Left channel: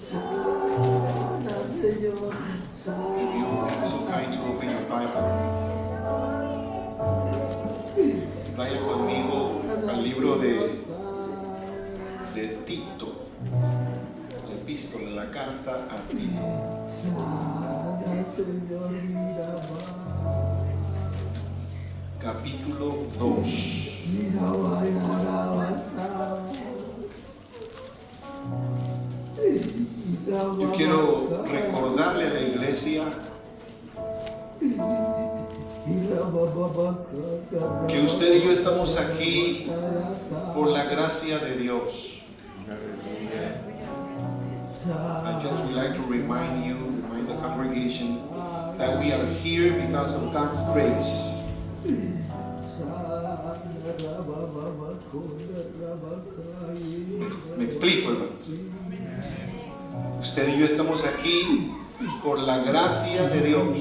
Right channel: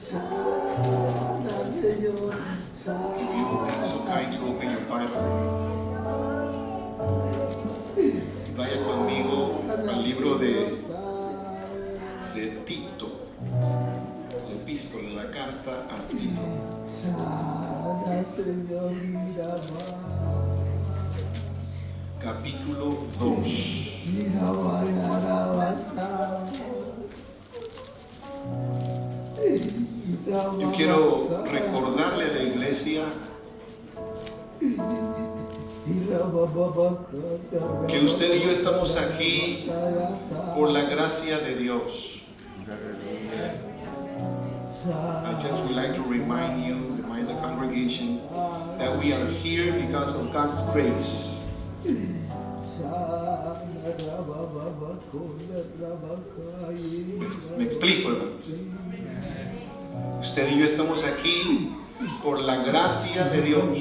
If you're so kind to open your Bible, vaya conmigo al libro de Tito, la epístola, la carta a Tito. Capítulo 2. Yo quiero recordarle a la iglesia que usted y yo estamos aquí por la gracia de Dios. I just would like to remind the congregation that we are here because of God's grace. Me explico, hermanos. Usted y yo estamos aquí por la gracia de Dios.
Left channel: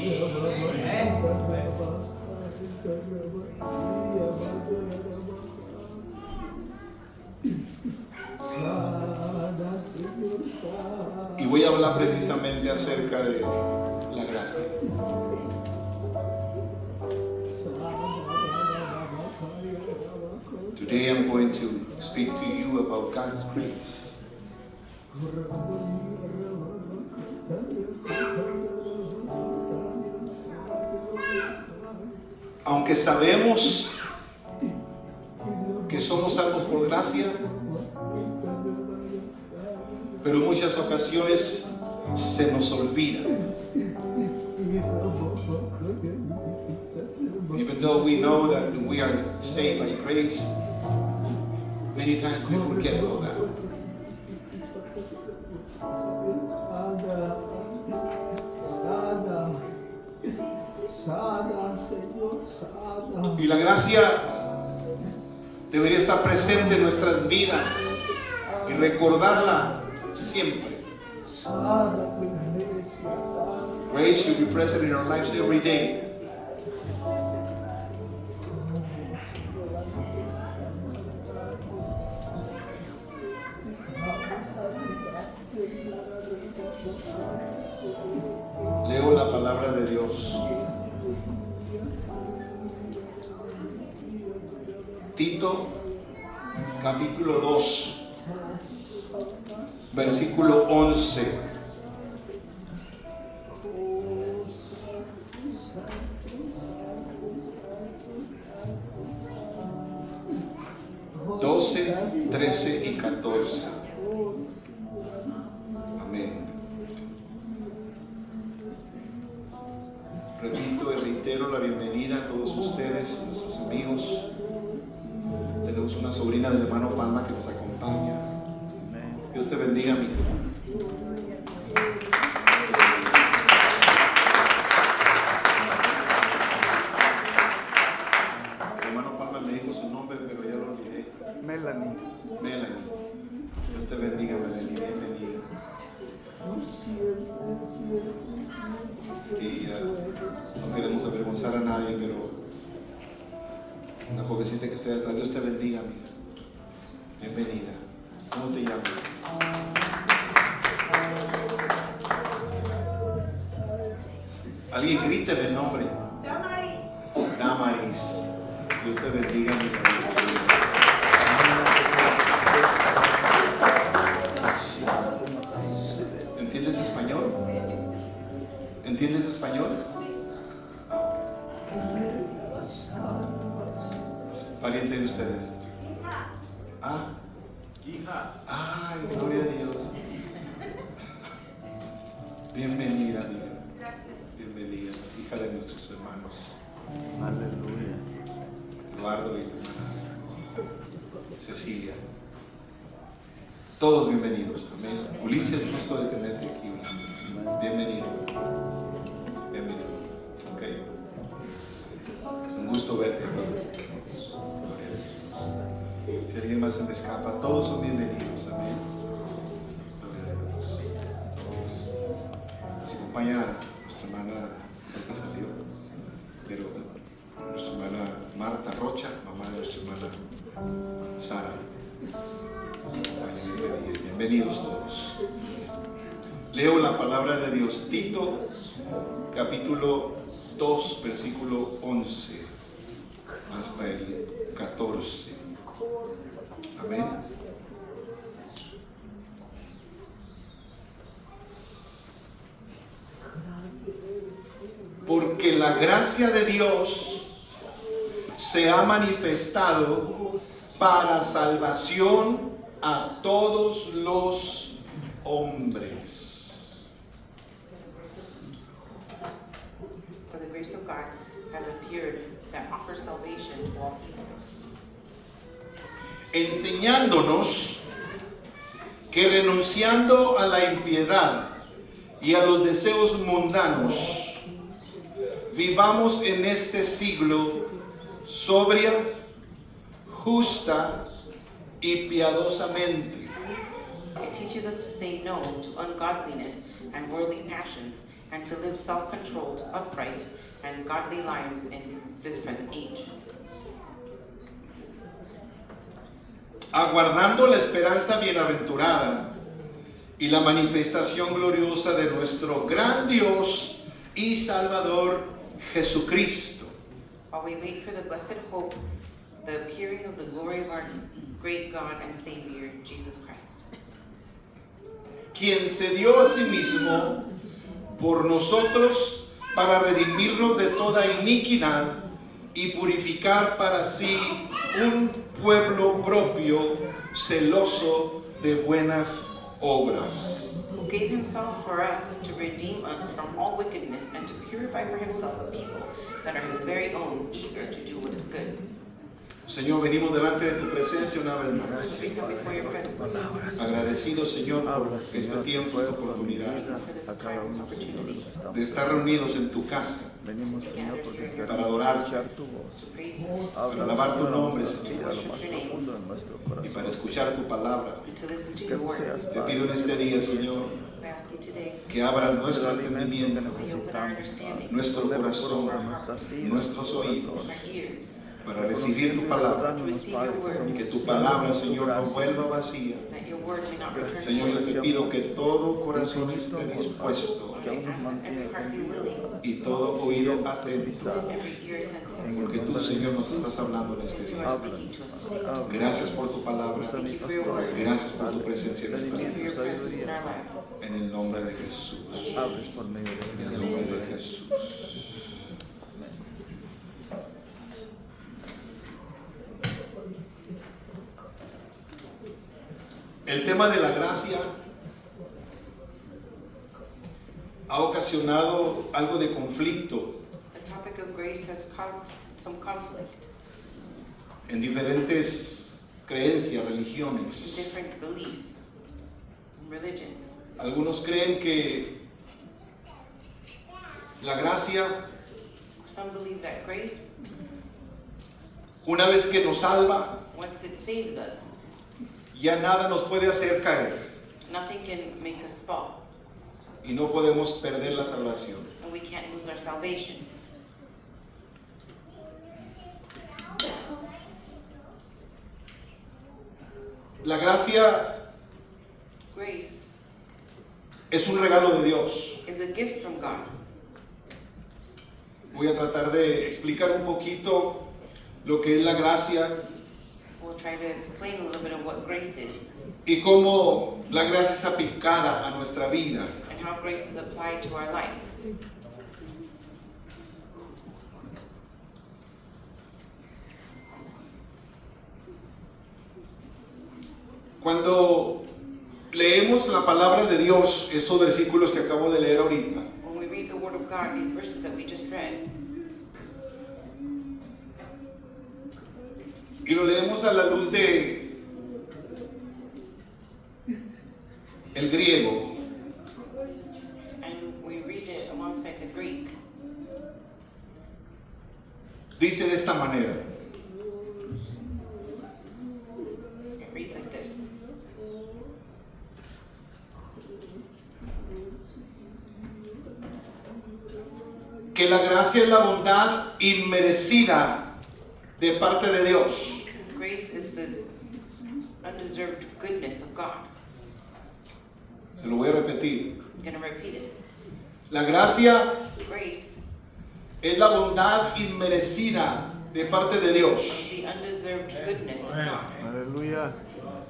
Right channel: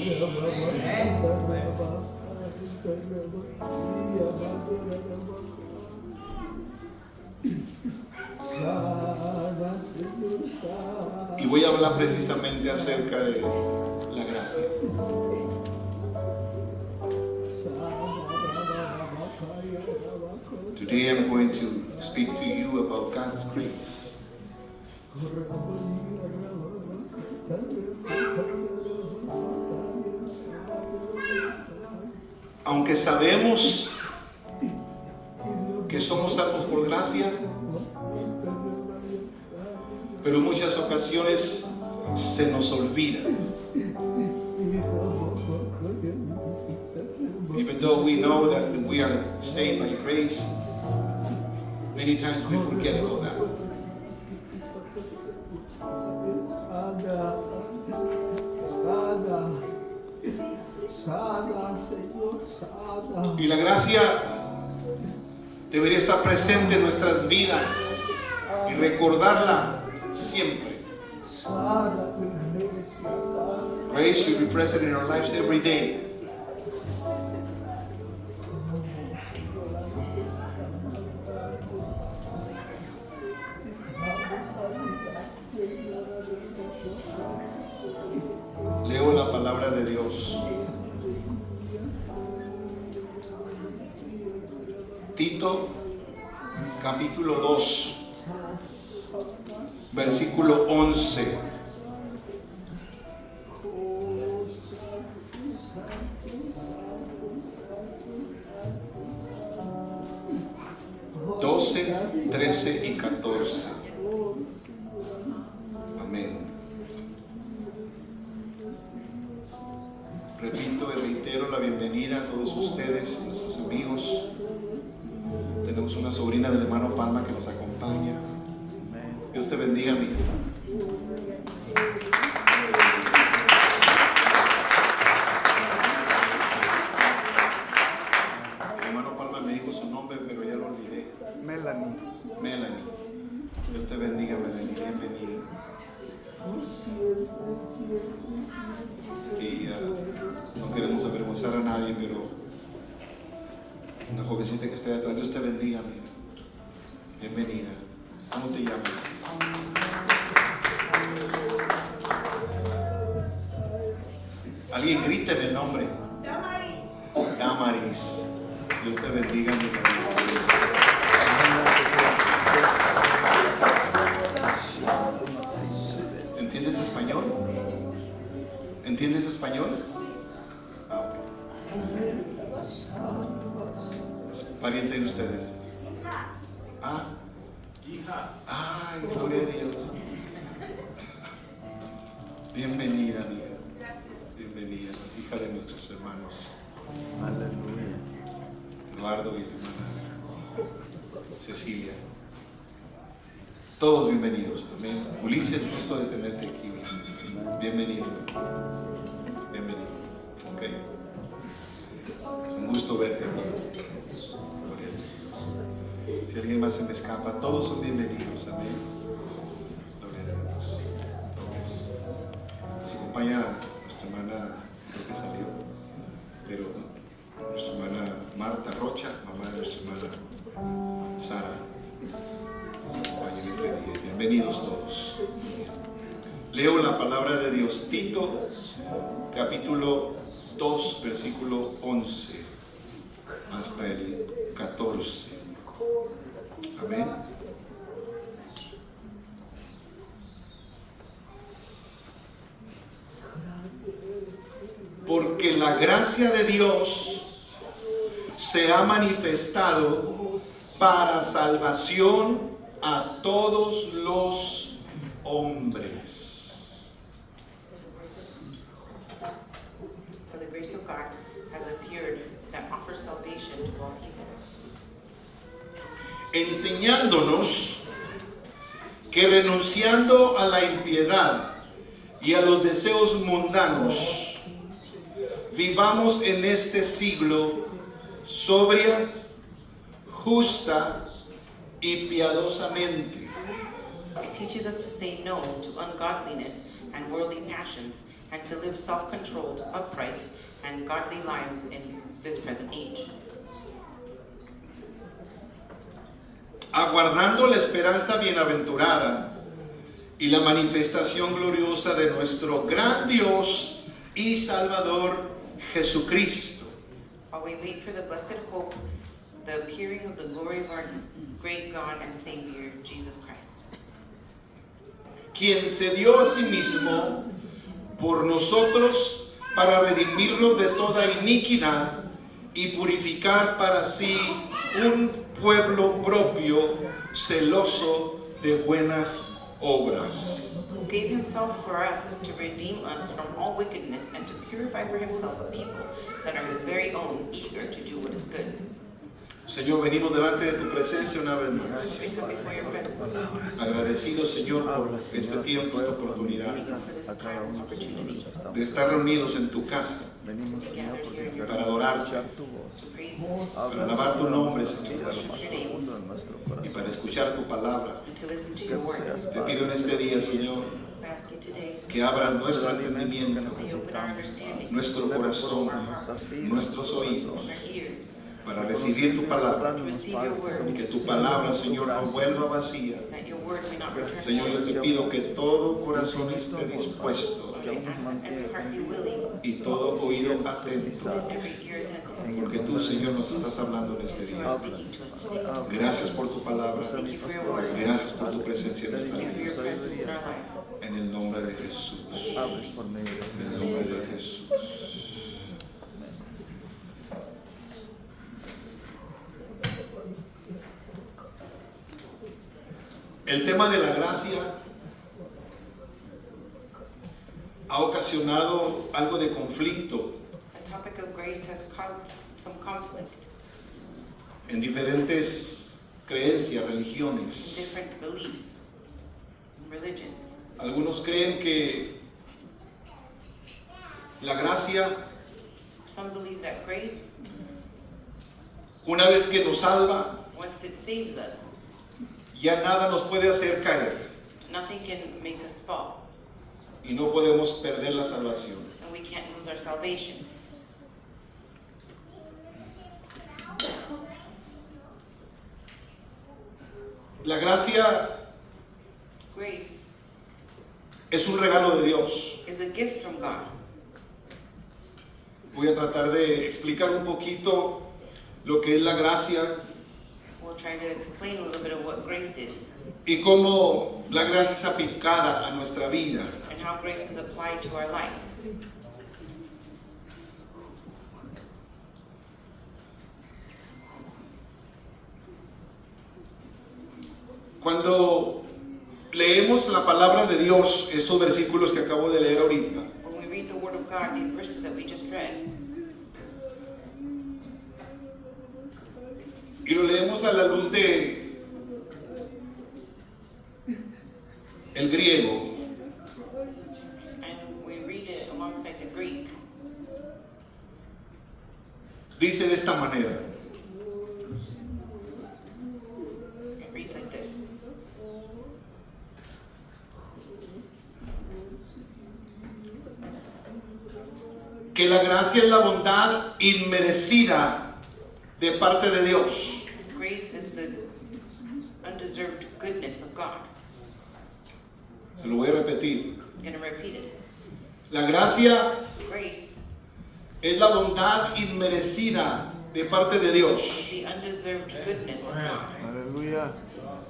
Y voy a hablar precisamente acerca de la gracia. Today I'm going to speak to you about God's grace. Aunque sabemos que somos salvos por gracia, pero en muchas ocasiones se nos olvida. Even though we know that we are saved by grace, many times we forget about that. Y la gracia debería estar presente en nuestras vidas y recordarla siempre. Grace should be present in our lives every day. Leo la palabra de Dios. Tito, capítulo 2, versículo 11. Doce, 13 y 14. Amén. Repito y reitero la bienvenida a todos ustedes, nuestros amigos. Tenemos una sobrina del hermano Palma que nos acompaña. Dios te bendiga, mi hijo. El hermano Palma me dijo su nombre, pero ya lo olvidé. Melanie. Dios te bendiga, Melanie. Bienvenida. Y no queremos avergonzar a nadie, pero una jovencita que está detrás, Dios te bendiga, amiga. Bienvenida. ¿Cómo te llamas? Alguien gríteme el nombre. Damaris. Dios te bendiga, mi amiga. ¿Entiendes español? ¿Entiendes español? Pariente de ustedes. Ay, gloria a Dios. Bienvenida, amiga. Bienvenida, hija de nuestros hermanos. Aleluya. Eduardo y Cecilia. Todos bienvenidos. Amén. Ulises, gusto de tenerte aquí, Ulises. Bienvenido. Bienvenido. Ok. Es un gusto verte aquí. Si alguien más se me escapa, todos son bienvenidos. Amén. Gloria a Dios. Nos acompaña nuestra hermana, creo que salió, pero nuestra hermana Marta Rocha, mamá de nuestra hermana Sara. Nos acompaña en este día. Bienvenidos todos. Leo la palabra de Dios. Tito, capítulo 2, versículo 11 hasta el 14. Amén. Porque la gracia de Dios se ha manifestado para salvación a todos los hombres. For the grace of God has appeared that offers salvation to all people, Enseñándonos que renunciando a la impiedad y a los deseos mundanos, vivamos en este siglo sobria, justa y piadosamente, it teaches us to say no to ungodliness and worldly passions, and to live self-controlled, upright, and godly lives in this present age, aguardando la esperanza bienaventurada y la manifestación gloriosa de nuestro gran Dios y Salvador Jesucristo, while we wait for the blessed hope, the appearing of the glory of our great God and Savior, Jesus Christ, quien se dio a sí mismo por nosotros para redimirnos de toda iniquidad y purificar para sí un pueblo propio, celoso de buenas obras. who gave himself for us to redeem us from all wickedness and to purify for himself a people that are his very own, eager to do what is good. Señor, venimos delante de tu presencia una vez más. Gracias, Padre, por tus palabras. Agradecido, Señor, por Habla, este Señor, tiempo, tu esta pueblo, a mi oportunidad vida, a cada uno, Señor, de los que estamos de estar reunidos en tu casa. Venimos, Señor, porque Para queremos adorarte, escuchar tu voz. To praise you Habla, alabar tu Señor, a nombre, nuestras Señor, vidas, a lo más profundo de nuestro y para corazón. escuchar tu palabra. and to listen to Que your tú word. seas, Te Padre, pido en este día, Señor, I ask you today, que abras el nuestro alimento que entendimiento, may you open our necesitamos, understanding, nuestro ponerlo por corazón, obra en nuestras vidas, nuestros oídos, corazones. our ears, para recibir tu palabra, Recordarnos, Padre, que y somos que tu salvos palabra, por tu Señor, no gracia. vuelva vacía. that your word may not return Señor, yo void. te pido que todo corazón esté Infinito, dispuesto que aún nos mantiene con vida, y todo oído atento, and every ear attentive. en el porque tú, nombre de Señor, nos Jesús. estás hablando en este As you día. are speaking to us today, Habla. Gracias por tu palabra, Usa mi Thank you for your pastor, word. gracias por tu presencia en nuestra thank you for your vida, presence in our lives. en el nombre de Jesús, hables por medio de en ti, el en el nombre nombre de de Jesús. Jesús. El tema de la gracia ha ocasionado algo de conflicto The topic of grace has caused some conflict en diferentes creencias, in religiones. different beliefs and religions. Algunos creen que la gracia, Some believe that grace, una vez que nos salva, once it saves us, ya nada nos puede hacer caer nothing can make us fall, y no podemos perder la salvación. and we can't lose our salvation. La gracia Grace es un regalo de Dios. is a gift from God. Voy a tratar de explicar un poquito lo que es la gracia We'll try to explain a little bit of what grace is y cómo la gracia es aplicada a nuestra vida. and how grace is applied to our life. Cuando leemos la palabra de Dios, estos versículos que acabo de leer ahorita, When we read the Word of God, these verses that we just read, y lo leemos a la luz de el griego, and we read it alongside the Greek, dice de esta manera: it reads like this. que la gracia es la bondad inmerecida de parte de Dios, Grace is the undeserved goodness of God. Se lo voy a repetir. I'm going to repeat it. La gracia Grace es la bondad inmerecida de parte de Dios. is the undeserved goodness of God. Aleluya.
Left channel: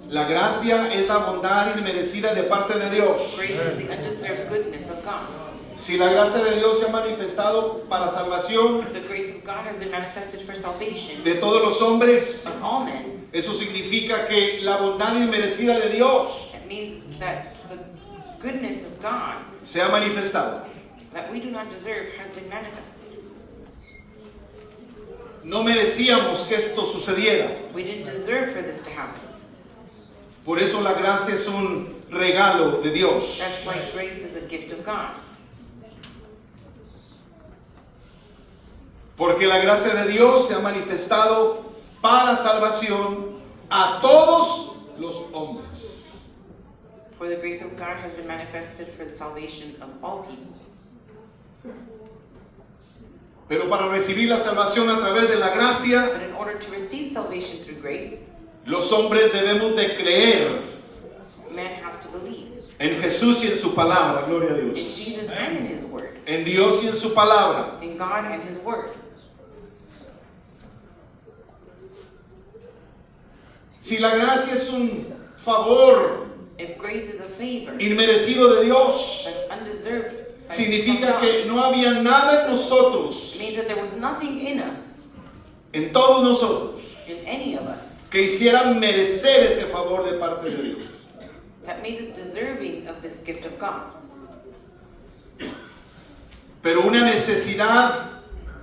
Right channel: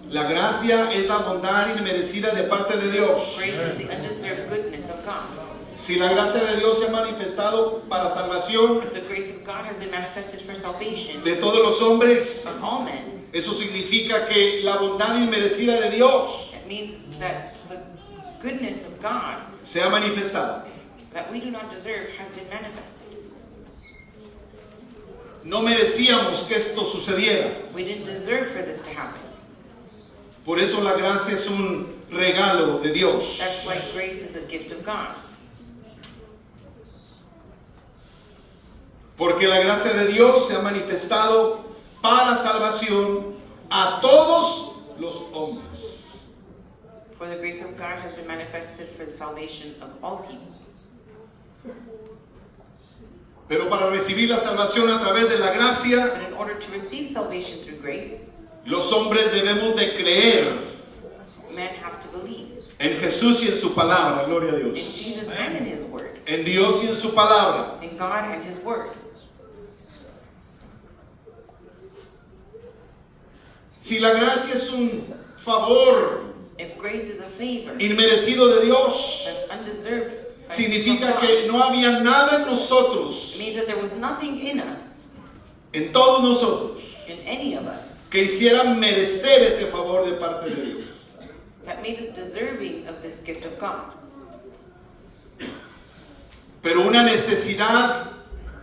La gracia es la bondad inmerecida de parte de Dios. Grace is the undeserved goodness of God. Si la gracia de Dios se ha manifestado para salvación If the grace of God has been manifested for salvation de todos los hombres, of all men, eso significa que la bondad inmerecida de Dios it means that the goodness of God se ha manifestado. that we do not deserve has been manifested. No merecíamos que esto sucediera. We didn't deserve for this to happen. Por eso la gracia es un regalo de Dios. That's why grace is a gift of God. Porque la gracia de Dios se ha manifestado para salvación a todos los hombres. For the grace of God has been manifested for the salvation of all people. Pero para recibir la salvación a través de la gracia, But in order to receive salvation through grace, los hombres debemos de creer men have to believe en Jesús y en su palabra, gloria a in Dios. Jesus and in His Word, En Dios y en su palabra. in God and His Word. Si la gracia es un favor If grace is a favor inmerecido de Dios, that's undeserved, by significa from God, que no había nada en nosotros, it means that there was nothing in us, en todos nosotros, in any of us, que hicieran merecer ese favor de parte de Dios. that made us deserving of this gift of God. Pero una necesidad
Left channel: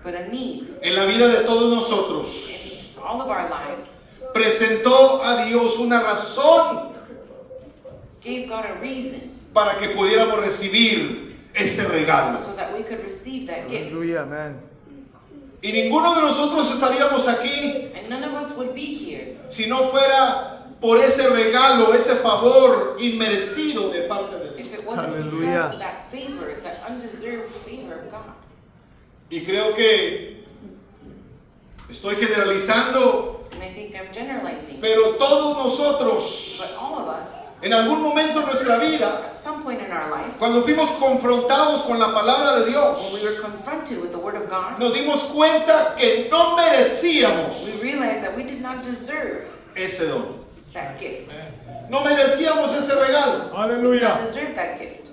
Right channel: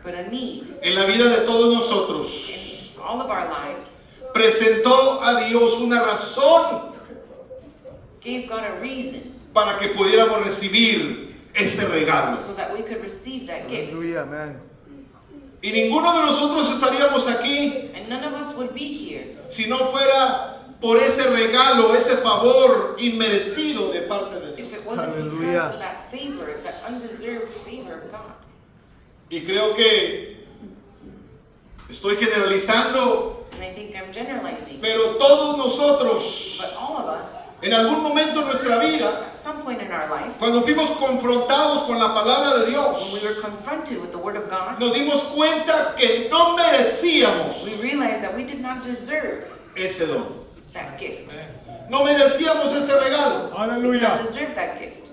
But a need en la vida de todos nosotros in all of our lives presentó a Dios una razón gave God a reason para que pudiéramos recibir ese regalo. so that we could receive that gift. Aleluya, amén. Y ninguno de nosotros estaríamos aquí And none of us would be here si no fuera por ese regalo, ese favor inmerecido de parte de Dios. if it wasn't Hallelujah. because of that favor, that undeserved favor of God. Y creo que estoy generalizando, And I think I'm generalizing, pero todos nosotros, but all of us, en algún momento de nuestra vida, at some point in our life, cuando fuimos confrontados con la palabra de when Dios, we were confronted with the Word of God, nos dimos cuenta que no merecíamos we realized that we did not deserve ese don. that gift. No merecíamos ese regalo. We did not deserve that gift.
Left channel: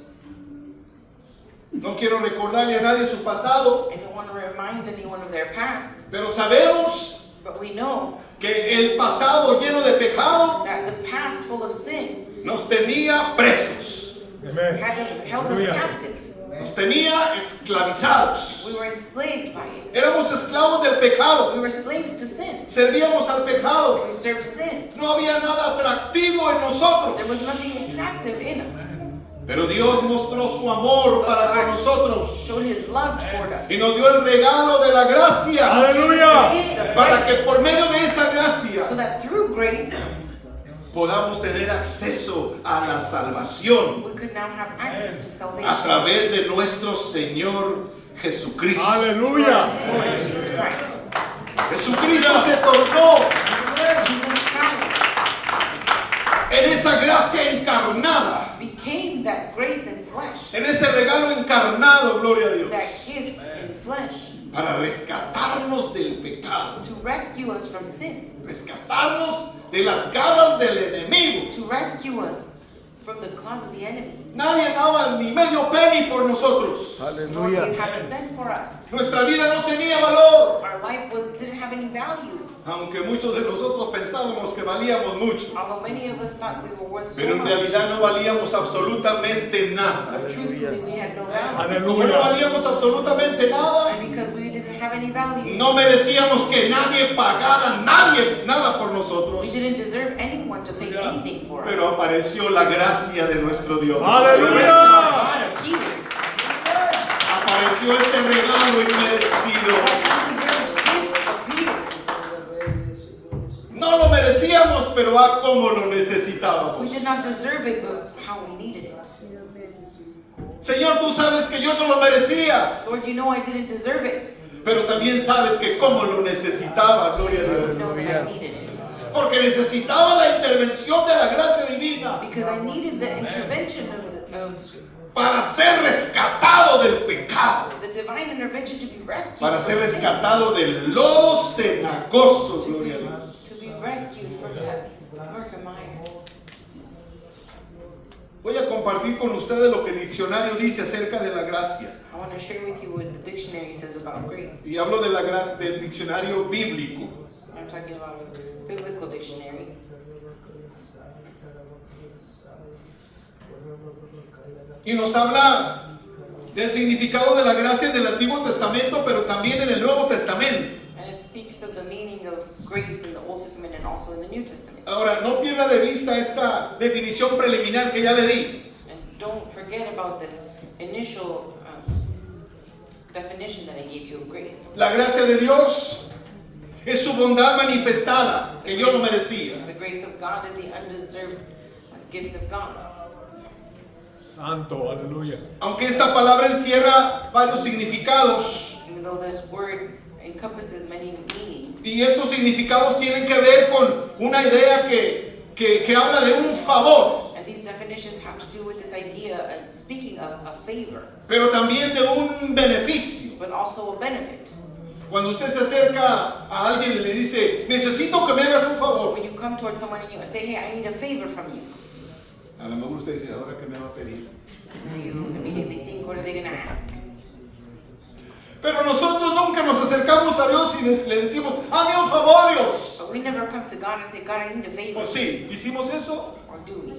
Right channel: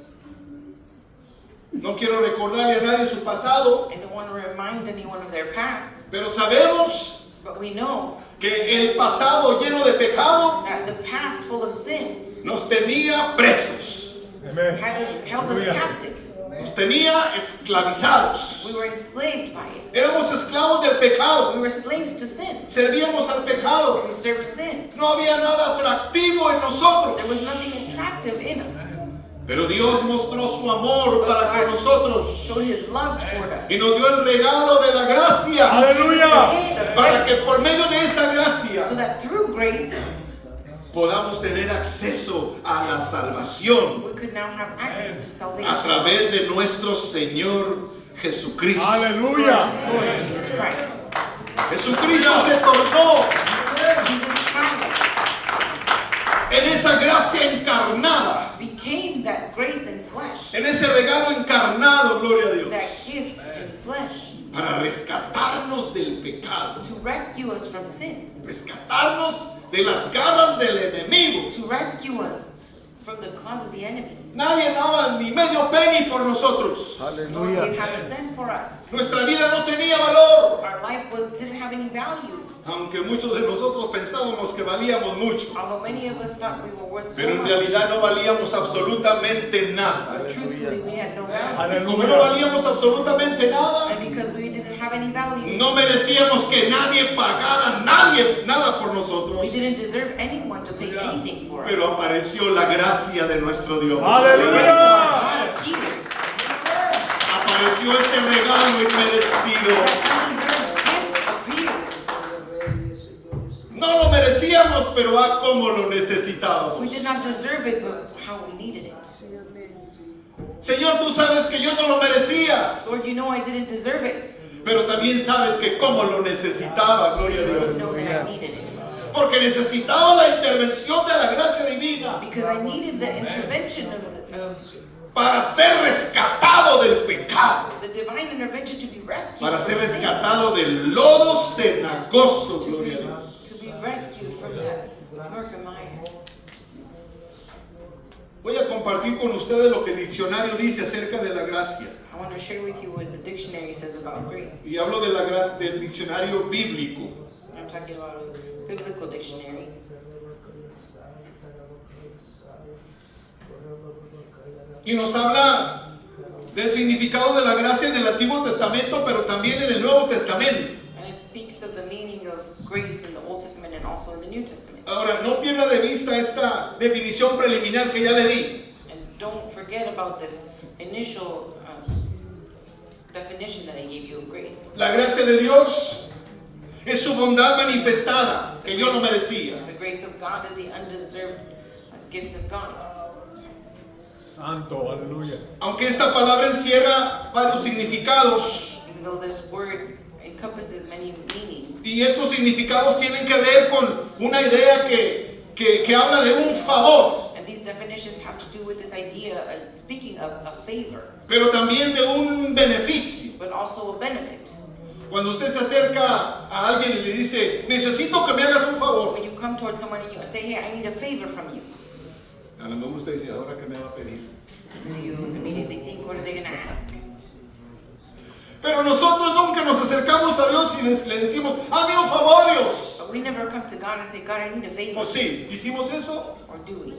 No quiero recordarle a nadie su pasado, I don't want to remind anyone of their past, pero sabemos but we know que el pasado lleno de pecado that the past full of sin nos tenía presos, held us captive. nos tenía esclavizados. We were enslaved by it. Éramos esclavos del pecado, We were slaves to sin. servíamos al pecado. We served sin. No había nada atractivo en There nosotros, was nothing attractive in us. pero Dios mostró su amor para con nosotros Showed His love toward us. y nos dio el regalo de la gracia He gave us the gift of para que grace, por medio de esa gracia so that through grace podamos tener acceso a la salvación we could now have access to a salvation. través de nuestro Señor Jesucristo. Lord Jesus Christ. Jesucristo se tornó Jesus Christ en esa gracia encarnada, became that grace in flesh, en ese regalo encarnado, gloria a Dios, that gift in flesh, para rescatarnos del pecado, to rescue us from sin, rescatarnos de las garras del enemigo. to rescue us from the claws of the enemy. Nadie daba ni medio penny por nosotros. Lord Aleluya. gave half a cent for us. Nuestra vida no tenía valor, Our life didn't have any value, aunque muchos de nosotros pensábamos que valíamos mucho, although many of us thought we were worth so pero en much. realidad no valíamos absolutamente nada. Truthfully, we had no value. Como no valíamos absolutamente nada, And because we didn't have any value, no merecíamos que nadie pagara nada por nosotros. we didn't deserve anyone to pay anything for us. Pero apareció la gracia de nuestro Dios. The grace of our God appeared. Apareció ese regalo inmerecido. That undeserved gift appeared. No lo merecíamos, pero cómo lo We necesitábamos. did not deserve it, but how we needed it. Señor, tú sabes que yo no lo merecía, Lord, you know I didn't deserve it. pero también sabes que cómo lo necesitaba, But gloria you a did Dios. know that I needed it. Porque necesitaba la intervención de la gracia divina Because I needed the intervention of para ser rescatado del pecado, the divine intervention to be rescued para from ser sin, rescatado del lodo cenagoso, gloria a Dios. to be rescued from that murk and mire. Voy a compartir con ustedes lo que el diccionario dice acerca de la gracia. I want to share with you what the dictionary says about grace. Y hablo de la gracia del diccionario bíblico. I'm talking about a biblical dictionary. Y nos habla del significado de la gracia en el Antiguo Testamento, pero también en el Nuevo Testamento. And it speaks of the meaning of grace in the Old Testament and also in the New Testament. Ahora, no pierda de vista esta definición preliminar que ya le di. And don't forget about this initial definition that I gave you of grace. La gracia de Dios es su bondad manifestada, que yo no merecía. The grace of God is the undeserved gift of God. Santo, aleluya. Aunque esta palabra encierra varios significados, Even though this word encompasses many meanings, y estos significados tienen que ver con una idea que habla de un favor, and these definitions have to do with this idea of speaking of a favor, pero también de un beneficio. but also a benefit. Cuando usted se acerca a alguien y le dice, necesito que me hagas un favor, When you come towards someone and you say, hey, I need a favor from you, a lo mejor usted dice, ¿ahora qué me va a pedir? you immediately think, what are they going to ask? Pero nosotros nunca nos acercamos a Dios y le decimos, hazme un favor, Dios. But we never come to God and say, God, I need a favor. ¿O sí? ¿Hicimos eso? Or do we?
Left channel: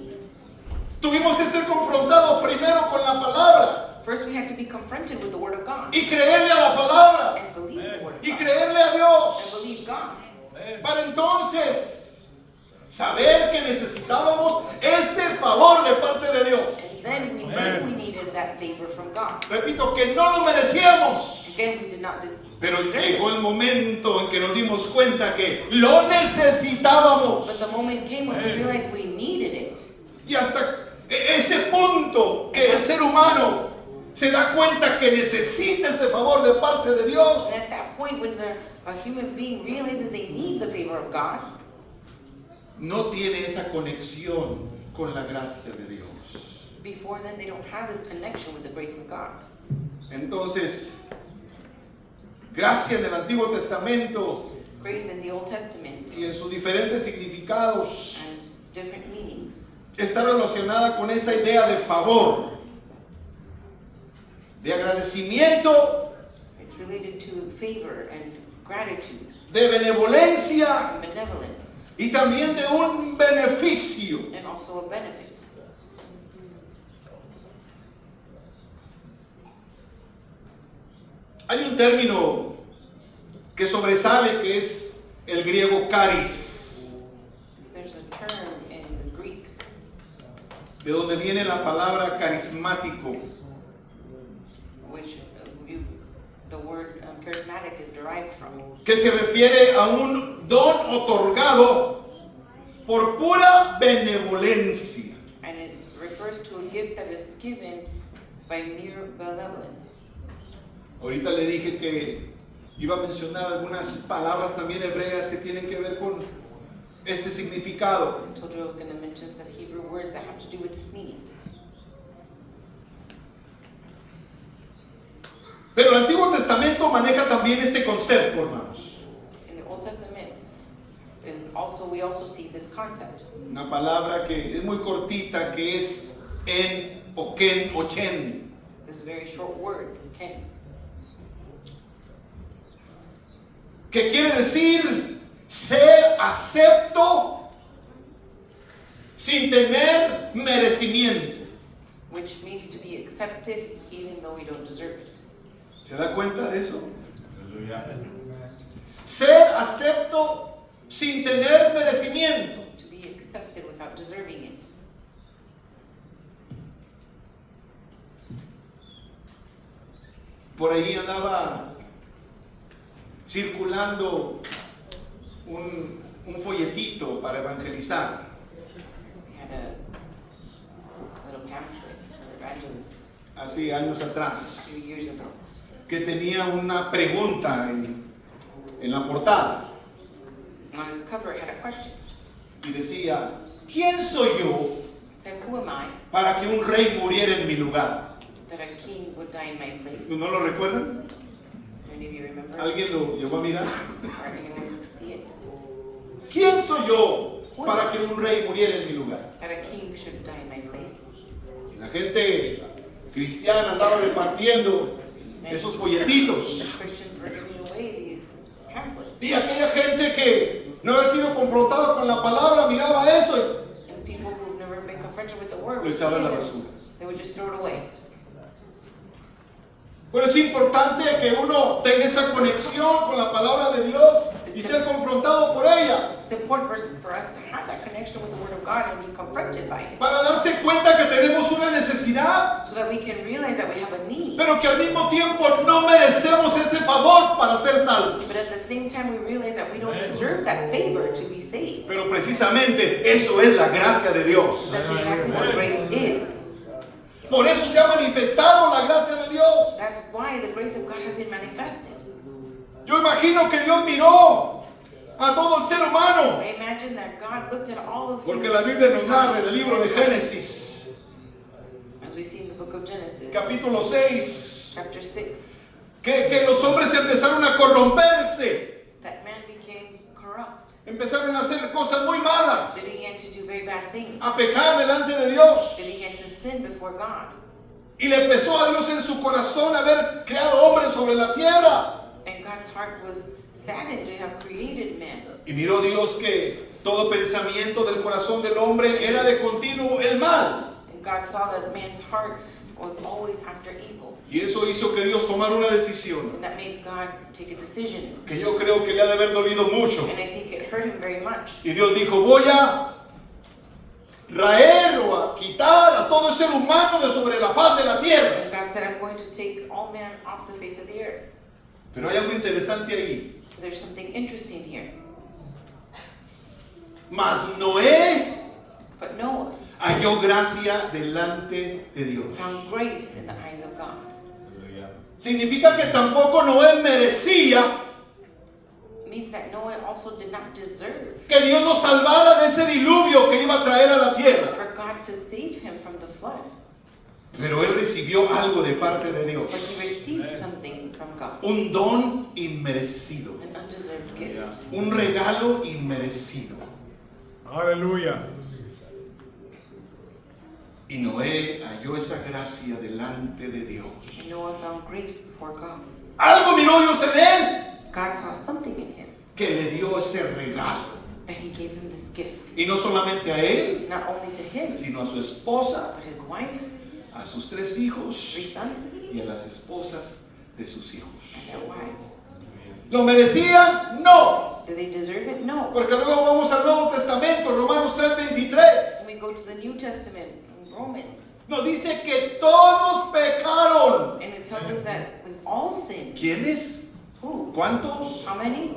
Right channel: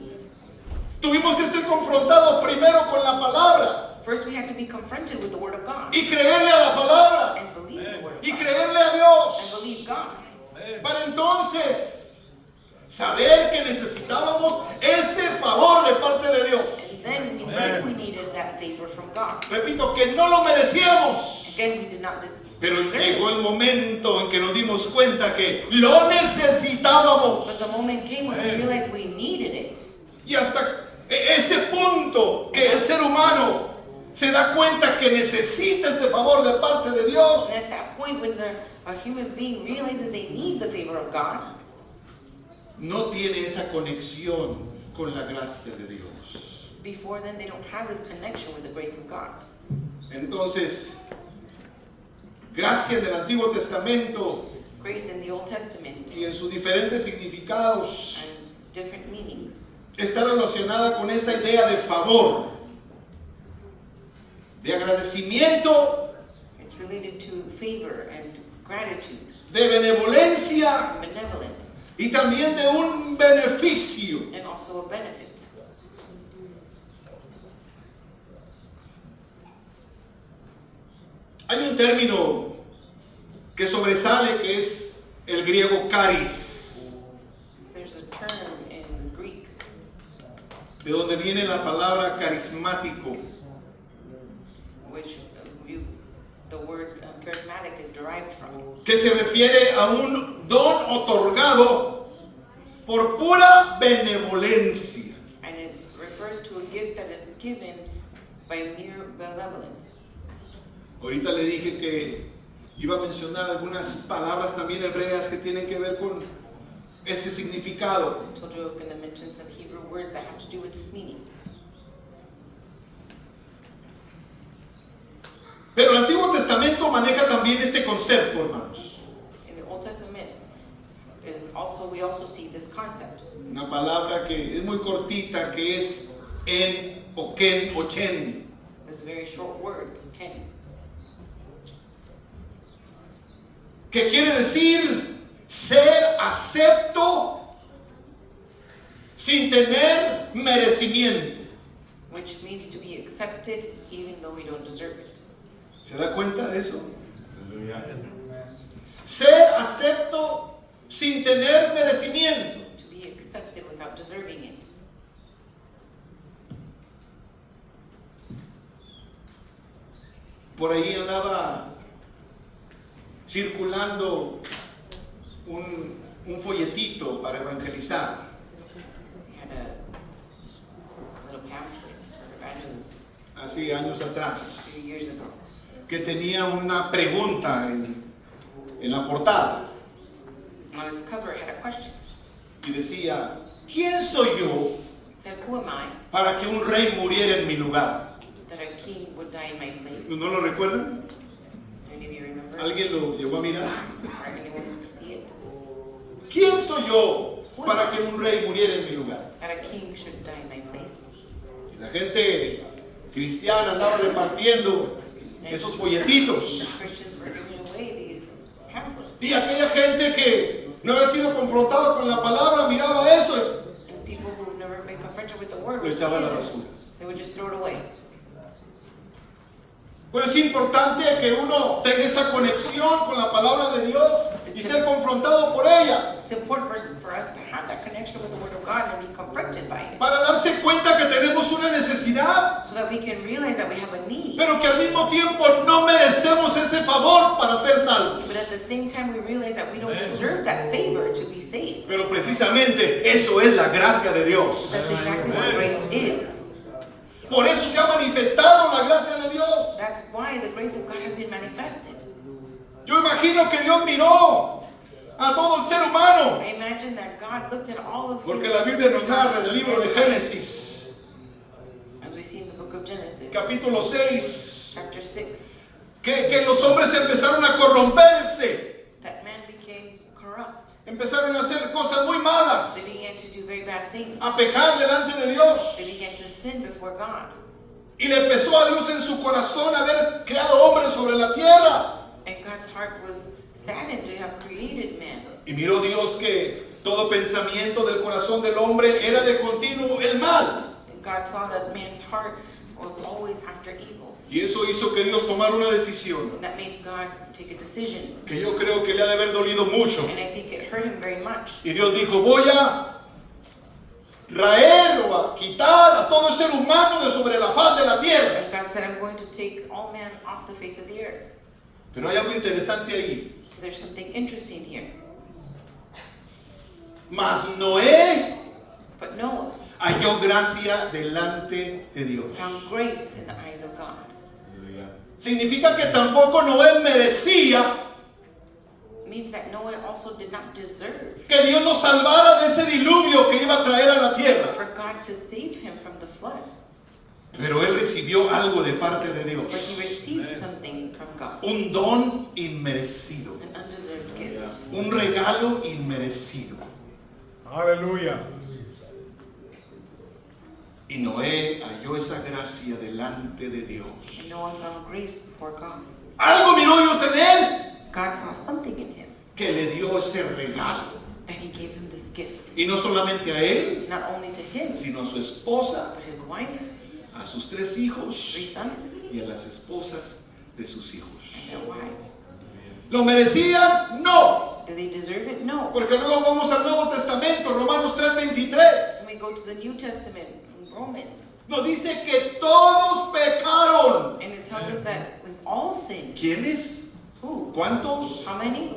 Tuvimos que ser confrontados primero con la palabra First, we had to be confronted with the Word of God y creerle a la palabra and believe the Word of y God creerle a and Dios believe God. para entonces saber que necesitábamos ese favor de parte de Dios. And then we knew we needed that favor from God. Repito, que no lo merecíamos. Again, we did not Pero deserve llegó el it. momento en que nos dimos cuenta que lo necesitábamos. But the moment came when we realized we needed it. Y hasta ese punto que el ser humano se da cuenta que necesita ese favor de parte de Dios, And at that point, when a human being realizes they need the favor of God, no tiene esa conexión con la gracia de Dios. before then they don't have this connection with the grace of God. Entonces, gracia en el Antiguo Testamento Grace in the Old Testament y en sus diferentes significados and its different meanings está relacionada con esa idea de favor, de agradecimiento, it's related to favor and gratitude de benevolencia and benevolence y también de un beneficio. and also a benefit. Hay un término que sobresale que es el griego charis, There's a term in the Greek de donde viene la palabra carismático, which the word charismatic is derived from, que se refiere a un don otorgado por pura benevolencia. and it refers to a gift that is given by mere benevolence. Ahorita le dije que iba a mencionar algunas palabras también hebreas que tienen que ver con este significado. I told you I was going to mention some Hebrew words that have to do with this meaning. Pero el Antiguo Testamento maneja también este concepto, hermanos. In the Old Testament we also see this concept. Una palabra que es muy cortita, que es en o ken o chen. This very short word, ken, Que quiere decir ser acepto sin tener merecimiento. which means to be accepted even though we don't deserve it. ¿Se da cuenta de eso? Ser acepto sin tener merecimiento. To be accepted without deserving it. Por ahí andaba circulando un folletito para evangelizar. We had a little pamphlet for evangelism Hace años atrás, a few years ago. que tenía una pregunta en la portada On its cover, it had a question. y decía, ¿quién soy yo said, "Who am I para que un rey muriera en mi lugar?" that a king would die in my place?" ¿No lo recuerdan? Do any of you remember? ¿Alguien lo llegó a mirar? Or anyone would see it? ¿Quién soy yo para que un rey muriera en mi lugar? That a king should die in my place? Y la gente cristiana andaba repartiendo esos folletitos. The Christians were giving away these pamphlets. Y aquella gente que no había sido confrontada con la palabra miraba eso And people who've never been confronted with the word y lo would echaban a la see basura. it. They would just throw it away. Pero es importante que uno tenga esa conexión con la palabra de Dios y ser confrontado por ella, It's important for us to have that connection with the word of God and be confronted by it, para darse cuenta que tenemos una necesidad, so that we can realize that we have a need. pero que al mismo tiempo no merecemos ese favor para ser salvos. But at the same time, we realize that we don't deserve that favor to be saved. Pero precisamente eso es la gracia de Dios. That's exactly what grace is. Por eso se ha manifestado la gracia de Dios. That's why the grace of God has been manifested. Yo imagino que Dios miró a todo el ser humano, I imagine that God looked at all of porque you, la Biblia nos narra en el libro de Génesis, as we see in the book of Genesis, capítulo 6, chapter 6, que los hombres empezaron a corromperse, that man became corrupt. empezaron a hacer cosas muy They malas, began to do very bad things. a pecar delante de Dios. They began to sin before God. Y le empezó a Dios en su corazón haber creado hombres sobre la tierra. And God's heart was saddened to have created man. Y miró Dios que todo pensamiento del corazón del hombre era de continuo el mal. And God saw that man's heart was always after evil. Y eso hizo que Dios tomara una decisión And that made God take a decision. que yo creo que le ha de haber dolido mucho. And I think it hurt him very much. Y Dios dijo, voy a raer o a quitar a todo ser humano de sobre la faz de la tierra. And God said, I'm going to take all man off the face of the earth. Pero hay algo interesante ahí. There's something interesting here. Mas Noé But Noah halló gracia delante de Dios. found grace in the eyes of God. Significa que tampoco Noé merecía Means that Noah also did not deserve que Dios nos salvara de ese diluvio que iba a traer a la tierra. for God to save him from the flood. Pero él recibió algo de parte de Dios. But he received something from God. Un don inmerecido. An undeserved gift. Un regalo inmerecido. Aleluya. Y Noé halló esa gracia delante de Dios. And Noah found grace before God. Algo miró Dios en él God saw something in him que le dio ese regalo. that he gave him this gift. Y no solamente a él, Not only to him, sino a su esposa, but his wife, a sus 3 hijos 3 sons, y a las esposas de sus hijos. and their wives. ¿Lo merecían? No. Do they deserve it? No. Porque luego vamos al Nuevo Testamento, Romanos 3:23. When we go to the New Testament, in Romans, Nos dice que todos pecaron. and it tells us that we've all sinned. ¿Quiénes? Who? ¿Cuántos? How many?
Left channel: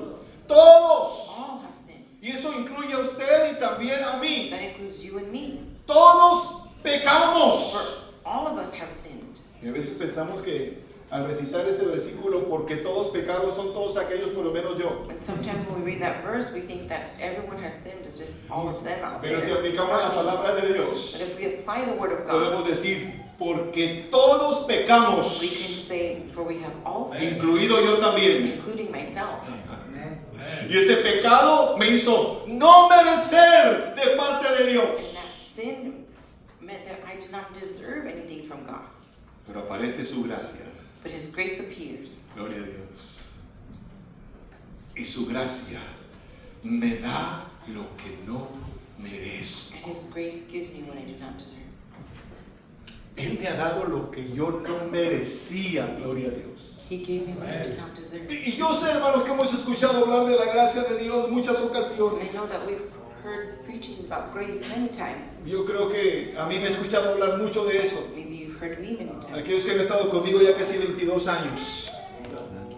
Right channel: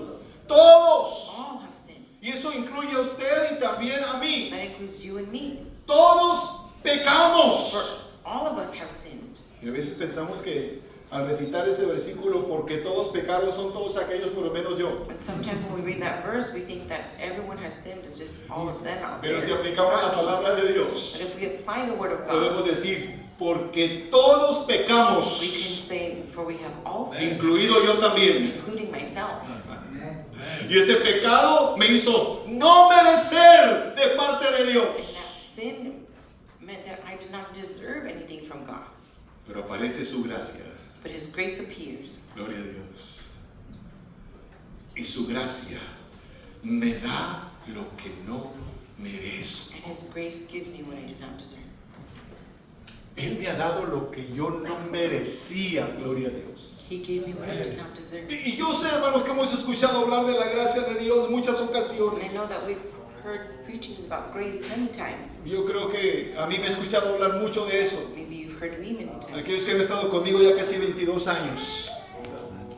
Todos. All have sinned. Y eso incluye a usted y también a mí. That includes you and me. Todos For pecamos. all of us have sinned. Y a veces pensamos que al recitar ese versículo, porque todos pecaron, son todos aquellos, por lo menos yo. And sometimes when we read that verse, we think that everyone has sinned. It's just all of them out there. Pero si aplicamos la Not me. palabra de Dios, But if we apply the word of God, podemos decir, porque todos we can pecamos, say, for we have all sinned, incluido yo también. including myself. Y ese pecado me hizo no merecer de parte de And Dios. that sin meant that I did not deserve anything from God. Pero aparece su gracia. But his grace appears. Gloria a Dios. Y su gracia me da lo que no merezco. And his grace gives me what I do not deserve. Él me ha dado lo que yo no merecía. Gloria a Dios. He gave me what I did not deserve. Y yo sé, hermanos, que hemos escuchado hablar de la gracia de Dios en muchas And I ocasiones. know that we've heard preachings about grace many times. Yo creo que a mí me he escuchado hablar mucho de eso. Maybe you've heard me many times. Aquellos que han estado conmigo ya casi 22 años.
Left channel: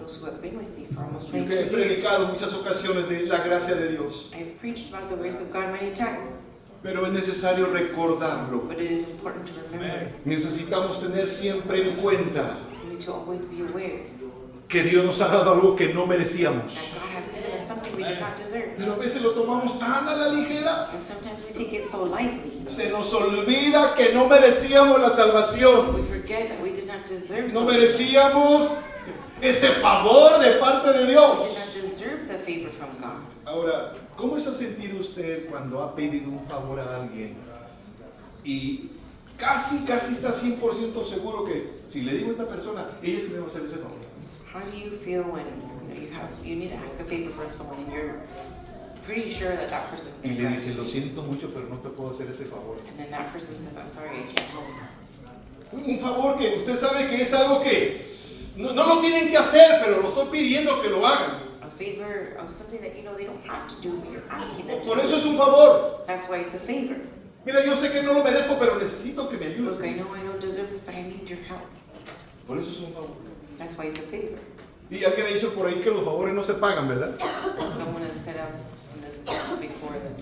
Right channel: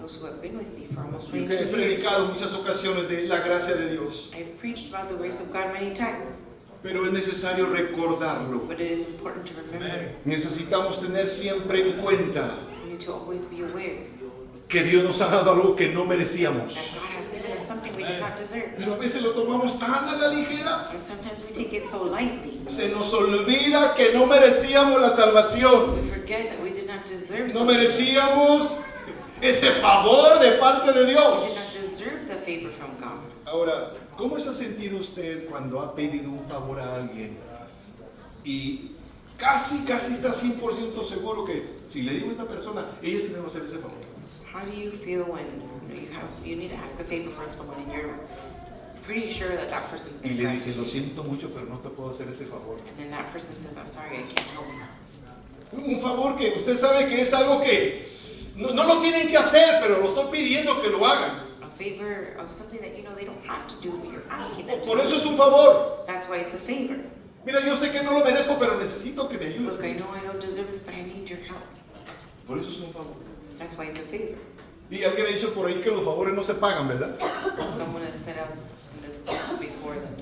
Those who have been with me for almost Yo que he 22 years. predicado en muchas ocasiones de la gracia de Dios. I've preached about the grace of God many times. Pero es necesario recordarlo. But it is important to remember it. Necesitamos tener siempre en cuenta We need to always be aware que Dios nos ha dado algo que no merecíamos. that God has given us something we we do not deserve. Pero a veces lo tomamos tan a la ligera. And sometimes we take it so lightly. Se nos olvida que no merecíamos la salvación. We forget that we did not deserve No something. merecíamos ese favor de parte de We did Dios. not deserve the favor from God. Ahora, ¿cómo se ha sentido usted cuando ha pedido un favor a alguien y casi está 100% seguro que si le digo a esta persona, ella sí me va a hacer ese favor? How do you feel when you need to ask a favor from someone and you're pretty sure that that person's Y going to le do dice, it lo to you? siento mucho, pero no te puedo hacer ese favor. And then that person says, I'm sorry, I can't help. Un favor que usted sabe que es algo que no lo tienen que hacer, pero lo estoy pidiendo que lo hagan. A favor of something that you know they don't have to do, but you're asking them to Por do. eso es un favor. That's why it's a favor. Mira, yo sé que no lo merezco, pero necesito que me ayudes. Look, I know I don't deserve this, but I need your help. Por eso es un favor. That's why it's a favor. Y alguien ha dicho por ahí que los favores no se pagan, ¿verdad? Someone has said up before that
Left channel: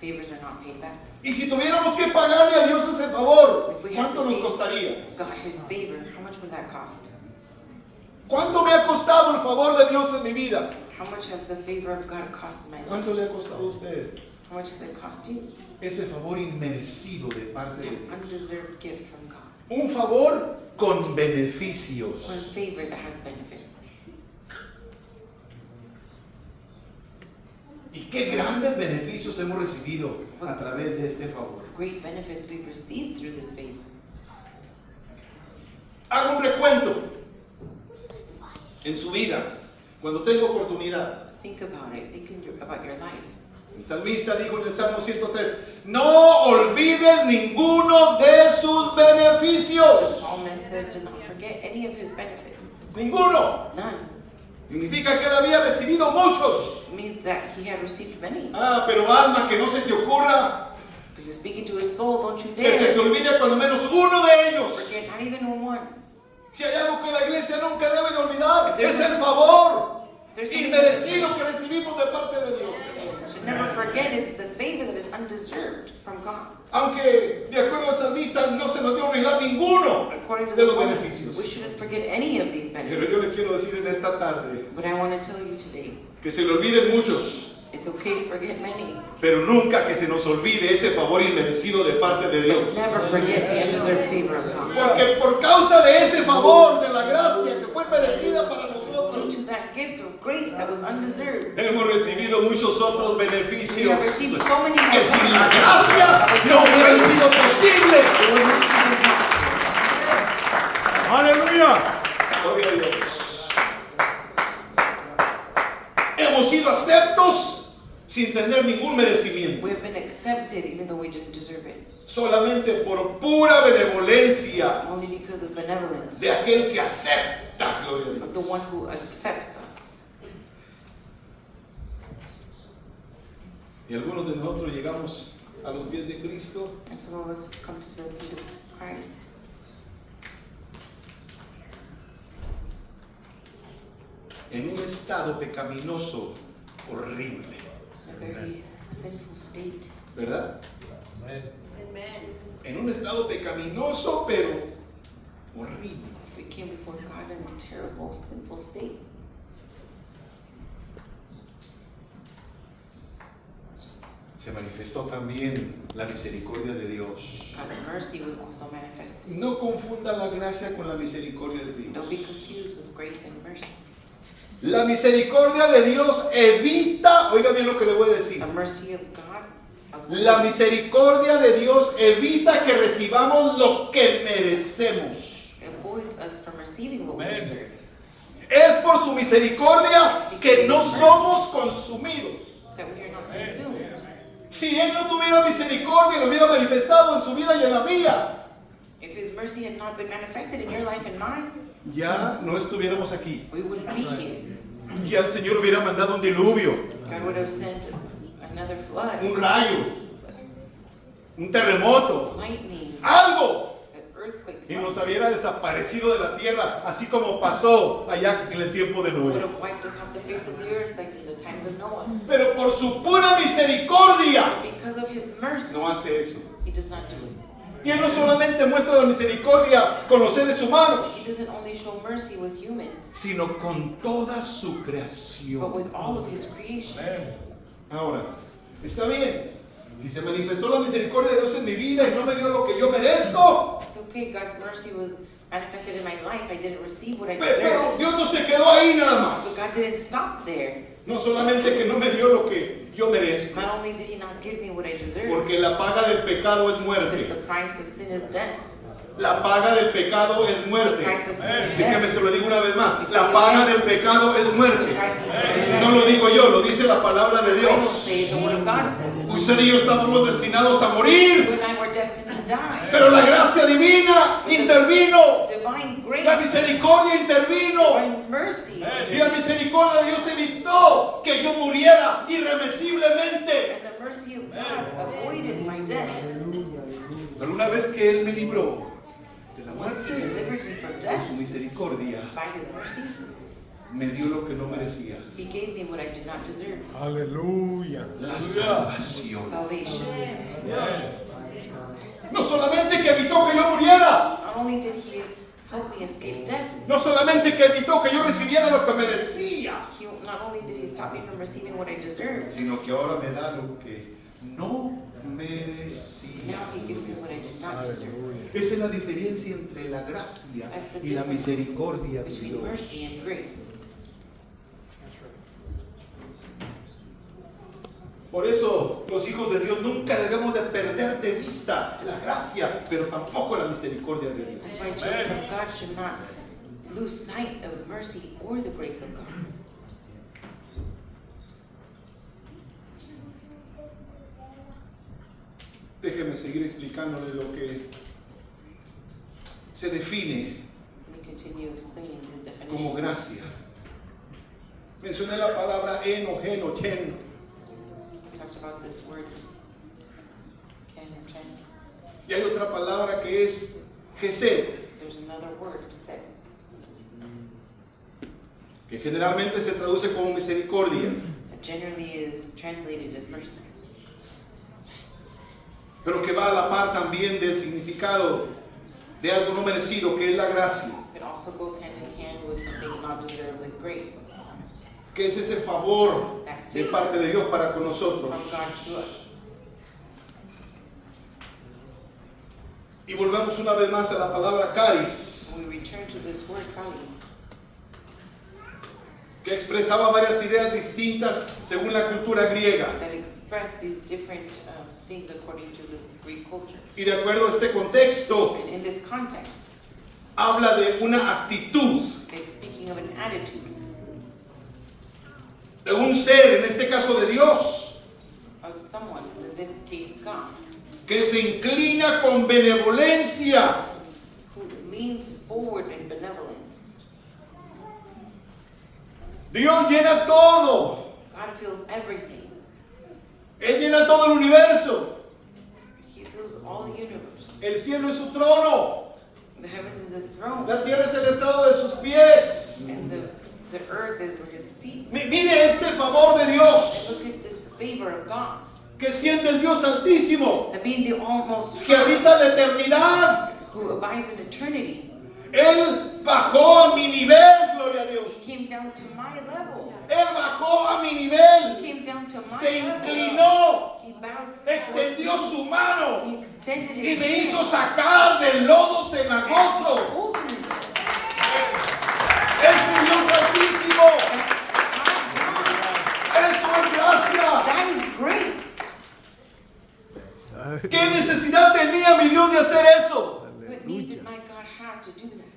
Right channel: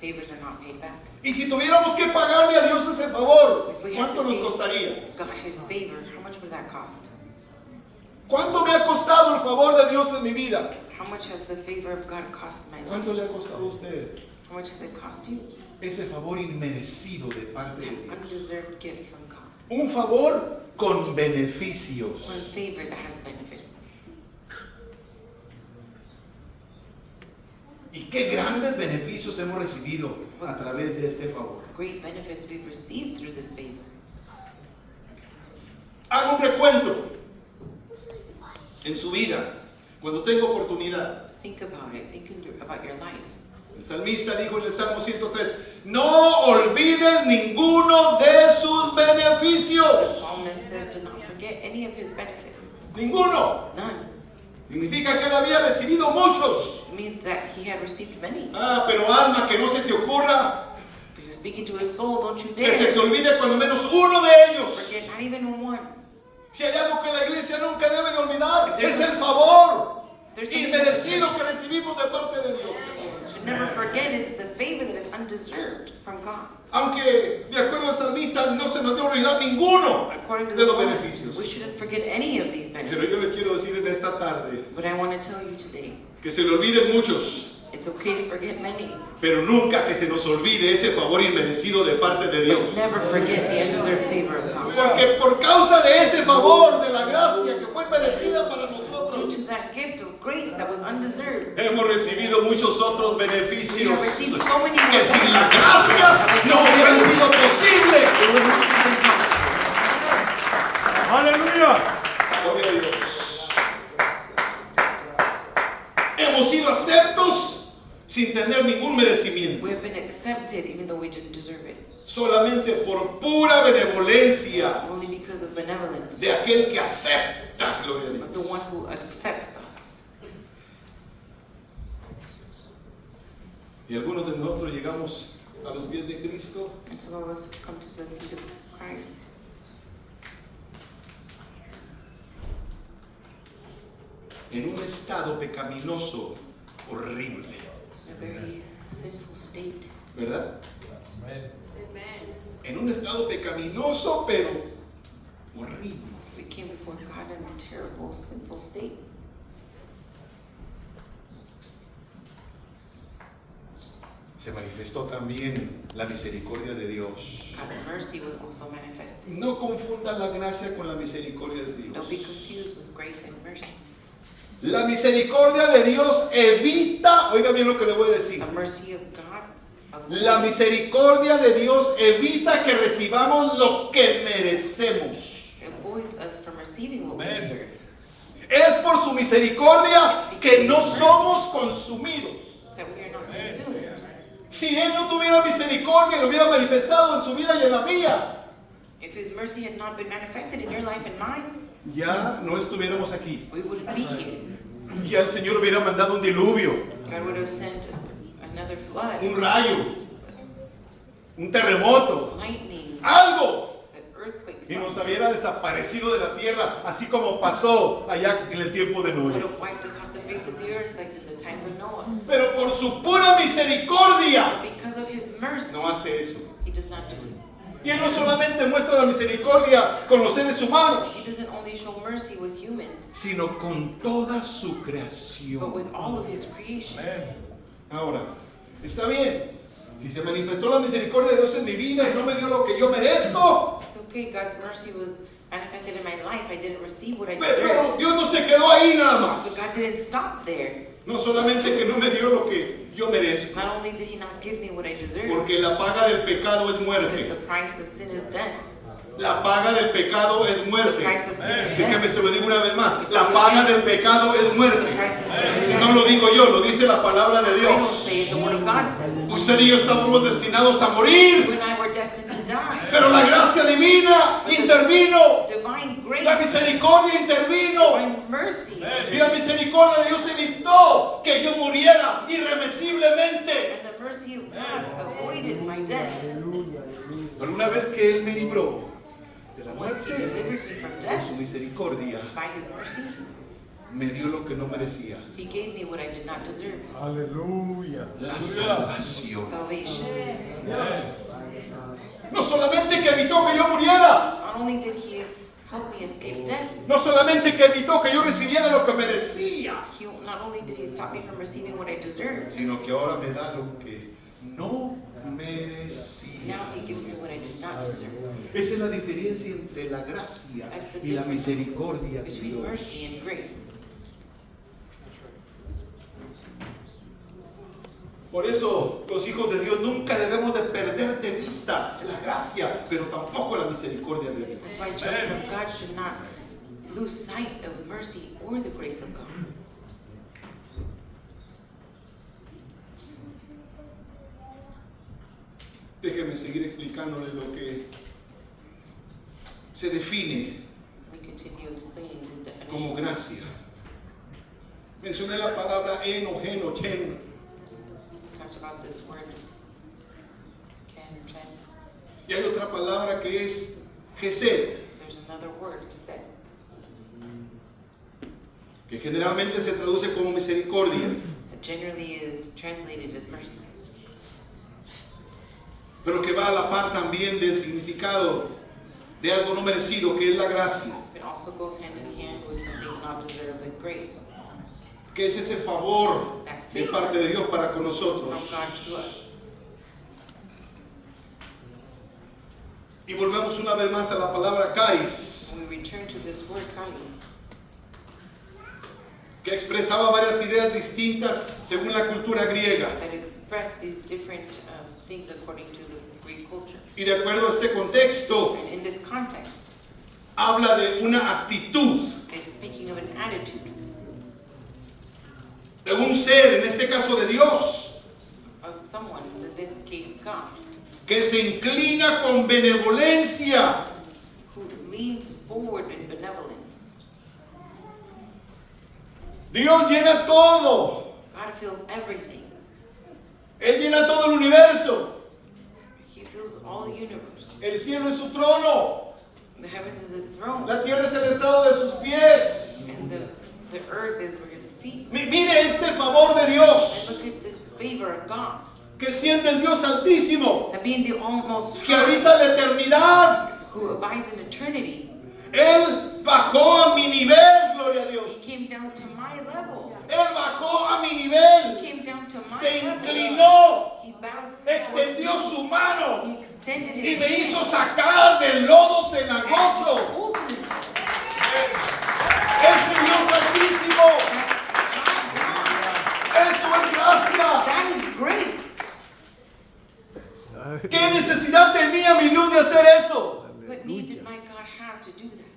favors are not paid back. Y si tuviéramos que pagarle a Dios ese favor, If we had ¿cuánto to nos pay costaría? God his favor, how much would that cost? ¿Cuánto me ha costado el favor de Dios en mi vida? How much has the favor of God cost my life? ¿Cuánto le ha costado a usted How much has it cost you? ese favor inmerecido de parte de That Dios? undeserved gift from God. Un favor con beneficios. One favor that has benefits. Y qué grandes beneficios hemos recibido a través de este favor. Great benefits we've received through this favor. Hago un recuento en su vida, cuando tengo oportunidad. Think about it. About your life. El salmista dijo en el Salmo 103, no olvides ninguno de sus The beneficios. psalmist said, do not forget any of his benefits. Ninguno. None. Significa que él había recibido muchos. It means that he had received many. Ah, pero alma, que no se te ocurra But you're speaking to his soul, don't you que se te dare olvide cuando menos uno de ellos. forget not even one. Si hay algo que la iglesia nunca debe de olvidar, There's- es el favor there's something inmerecido que recibimos de parte de Dios. Should never forget it's the favor that is undeserved from God. Aunque, de acuerdo al salmista, no se nos debe olvidar ninguno According to de the los psalmist, beneficios. we shouldn't forget any of these Pero yo le benefits. quiero decir en esta tarde But I want to tell you today, que se le olviden muchos, it's okay to forget many. pero nunca que se nos olvide ese favor inmerecido de parte de Dios. Never forget the undeserved favor of God. Porque por causa de ese favor, de la gracia que fue merecida para Due nosotros, to that gift of grace that was undeserved, hemos recibido muchos otros we beneficios have received so many more que sin la benefits. gracia no hubieran sido It posibles. would not have been possible. Aleluya. Gloria a Dios. Hemos sido aceptos sin tener ningún merecimiento, We have been accepted even though we didn't deserve it. solamente por pura benevolencia Only because of benevolence de aquel que acepta. Gloria a Dios. of the one who accepts us. Y algunos de nosotros llegamos a los pies de Cristo And some of us come to the feet of Christ en un estado pecaminoso horrible, in a very sinful state. ¿verdad? En un estado pecaminoso, pero horrible. We came before God in a terrible, sinful state. Se manifestó también la misericordia de Dios. God's mercy was also manifested. No confunda la gracia con la misericordia de Don't be Dios. confused with grace and mercy. La misericordia de Dios evita, oiga bien lo que le voy a decir. The mercy of God La misericordia de Dios evita que recibamos lo que merecemos. avoids us from receiving what we deserve. Es por su misericordia que no somos consumidos. That we are not consumed. Si Él no tuviera misericordia, lo hubiera manifestado en su vida y en la mía, If His mercy had not been manifested in your life and mine, ya no estuviéramos aquí. we wouldn't be here. Ya el Señor hubiera mandado un diluvio, God would have sent another flood, un rayo, un terremoto, lightning, algo, an earthquake, y nos something. hubiera desaparecido de la tierra, así como pasó allá en el tiempo de Would Noé. have wiped us off the face of the earth like in the times of Noah. Pero por su pura misericordia Because of His mercy, no hace eso. He does not do it. Y Él no solamente muestra la misericordia con los seres humanos, He doesn't only show mercy with humans, sino con toda su but creación. with all of His creation. Ahora, está bien. Si se manifestó la misericordia de Dios en mi vida y no me dio lo que yo merezco, It's okay, God's mercy was manifested in my life. I didn't receive what I pero deserved. Dios no se quedó ahí nada But más. God didn't stop there. No solamente que no me dio lo que yo merezco, Not only did He not give me what I deserved, porque la paga del pecado es because muerte. the price of sin is death. La paga del pecado es The muerte. price of sin is Déjeme death. se lo digo una vez más. La paga del pecado es The muerte. price of sin is No death. lo digo yo, lo dice la palabra de I don't Dios. say it, the Word of God says it. Usted y yo estábamos destinados a morir, You and I were destined to die. pero la gracia divina intervino. Divine La grace, misericordia intervino. divine mercy, Y la misericordia de Dios evitó que yo muriera irremisiblemente. and the mercy of God avoided my death. Pero una vez que Él me libró de la Once He muerte, delivered me from con death, su misericordia, by His mercy, me dio lo que no merecía. He gave me what I did not deserve. Aleluya. La salvación. Salvation. No solamente que evitó que yo muriera, Not only did He help me escape death, no solamente que evitó que yo recibiera lo que merecía, not only did He stop me from receiving what I deserved, sino que ahora me da lo que no merecía. now He gives me what I did not deserve. Esa es la diferencia entre la gracia y la misericordia de Between Dios. mercy and grace. Por eso los hijos de Dios nunca debemos de perder de vista la gracia, pero tampoco la misericordia de Dios. That's why children of God should not lose sight of mercy or the grace of God. Déjeme seguir explicándole lo que se define Let me continue explaining the como definition. gracia. Mencioné la palabra en o gen o chen. We talked about this word, can or can. Y hay otra palabra que es gesed, There's another word, chesed, que generalmente se traduce como misericordia, that generally is translated as mercy, pero que va a la par también del significado de algo no merecido, que es la gracia, it also goes hand in hand with something not deserved, like grace, que es ese favor de parte de Dios para con from nosotros. God to us. Y volvemos una vez más a la palabra charis, When we return to this word, charis, que expresaba varias ideas distintas según la cultura griega. that express these different things according to the Greek culture. Y de acuerdo a este contexto, And in this context, habla de una actitud, it's speaking of an attitude de un ser, en este caso de Dios, of someone, in this case God, que se inclina con benevolencia who leans forward in benevolence. Dios llena todo. God feels everything. Él llena todo el universo. He feels all the universe. El cielo es su trono. The heavens is His throne, La tierra es el estrado de sus pies. and the earth is where His feet. Mire este favor de And Dios, look at this favor of God, que siente el Dios altísimo, that being the almost que habita la eternidad. who abides in eternity, Él bajó a mi nivel, gloria a Dios. He came down to my level. Él bajó a mi He nivel. came down to my Se level. inclinó, He bowed. extendió towards su me. mano He extended y His me hand. hizo sacar del lodo And cenagoso. He pulled me. Ese Dios altísimo, eso es gracia. That is grace. ¿Qué necesidad tenía mi Dios de hacer eso? What need did my God have to do that?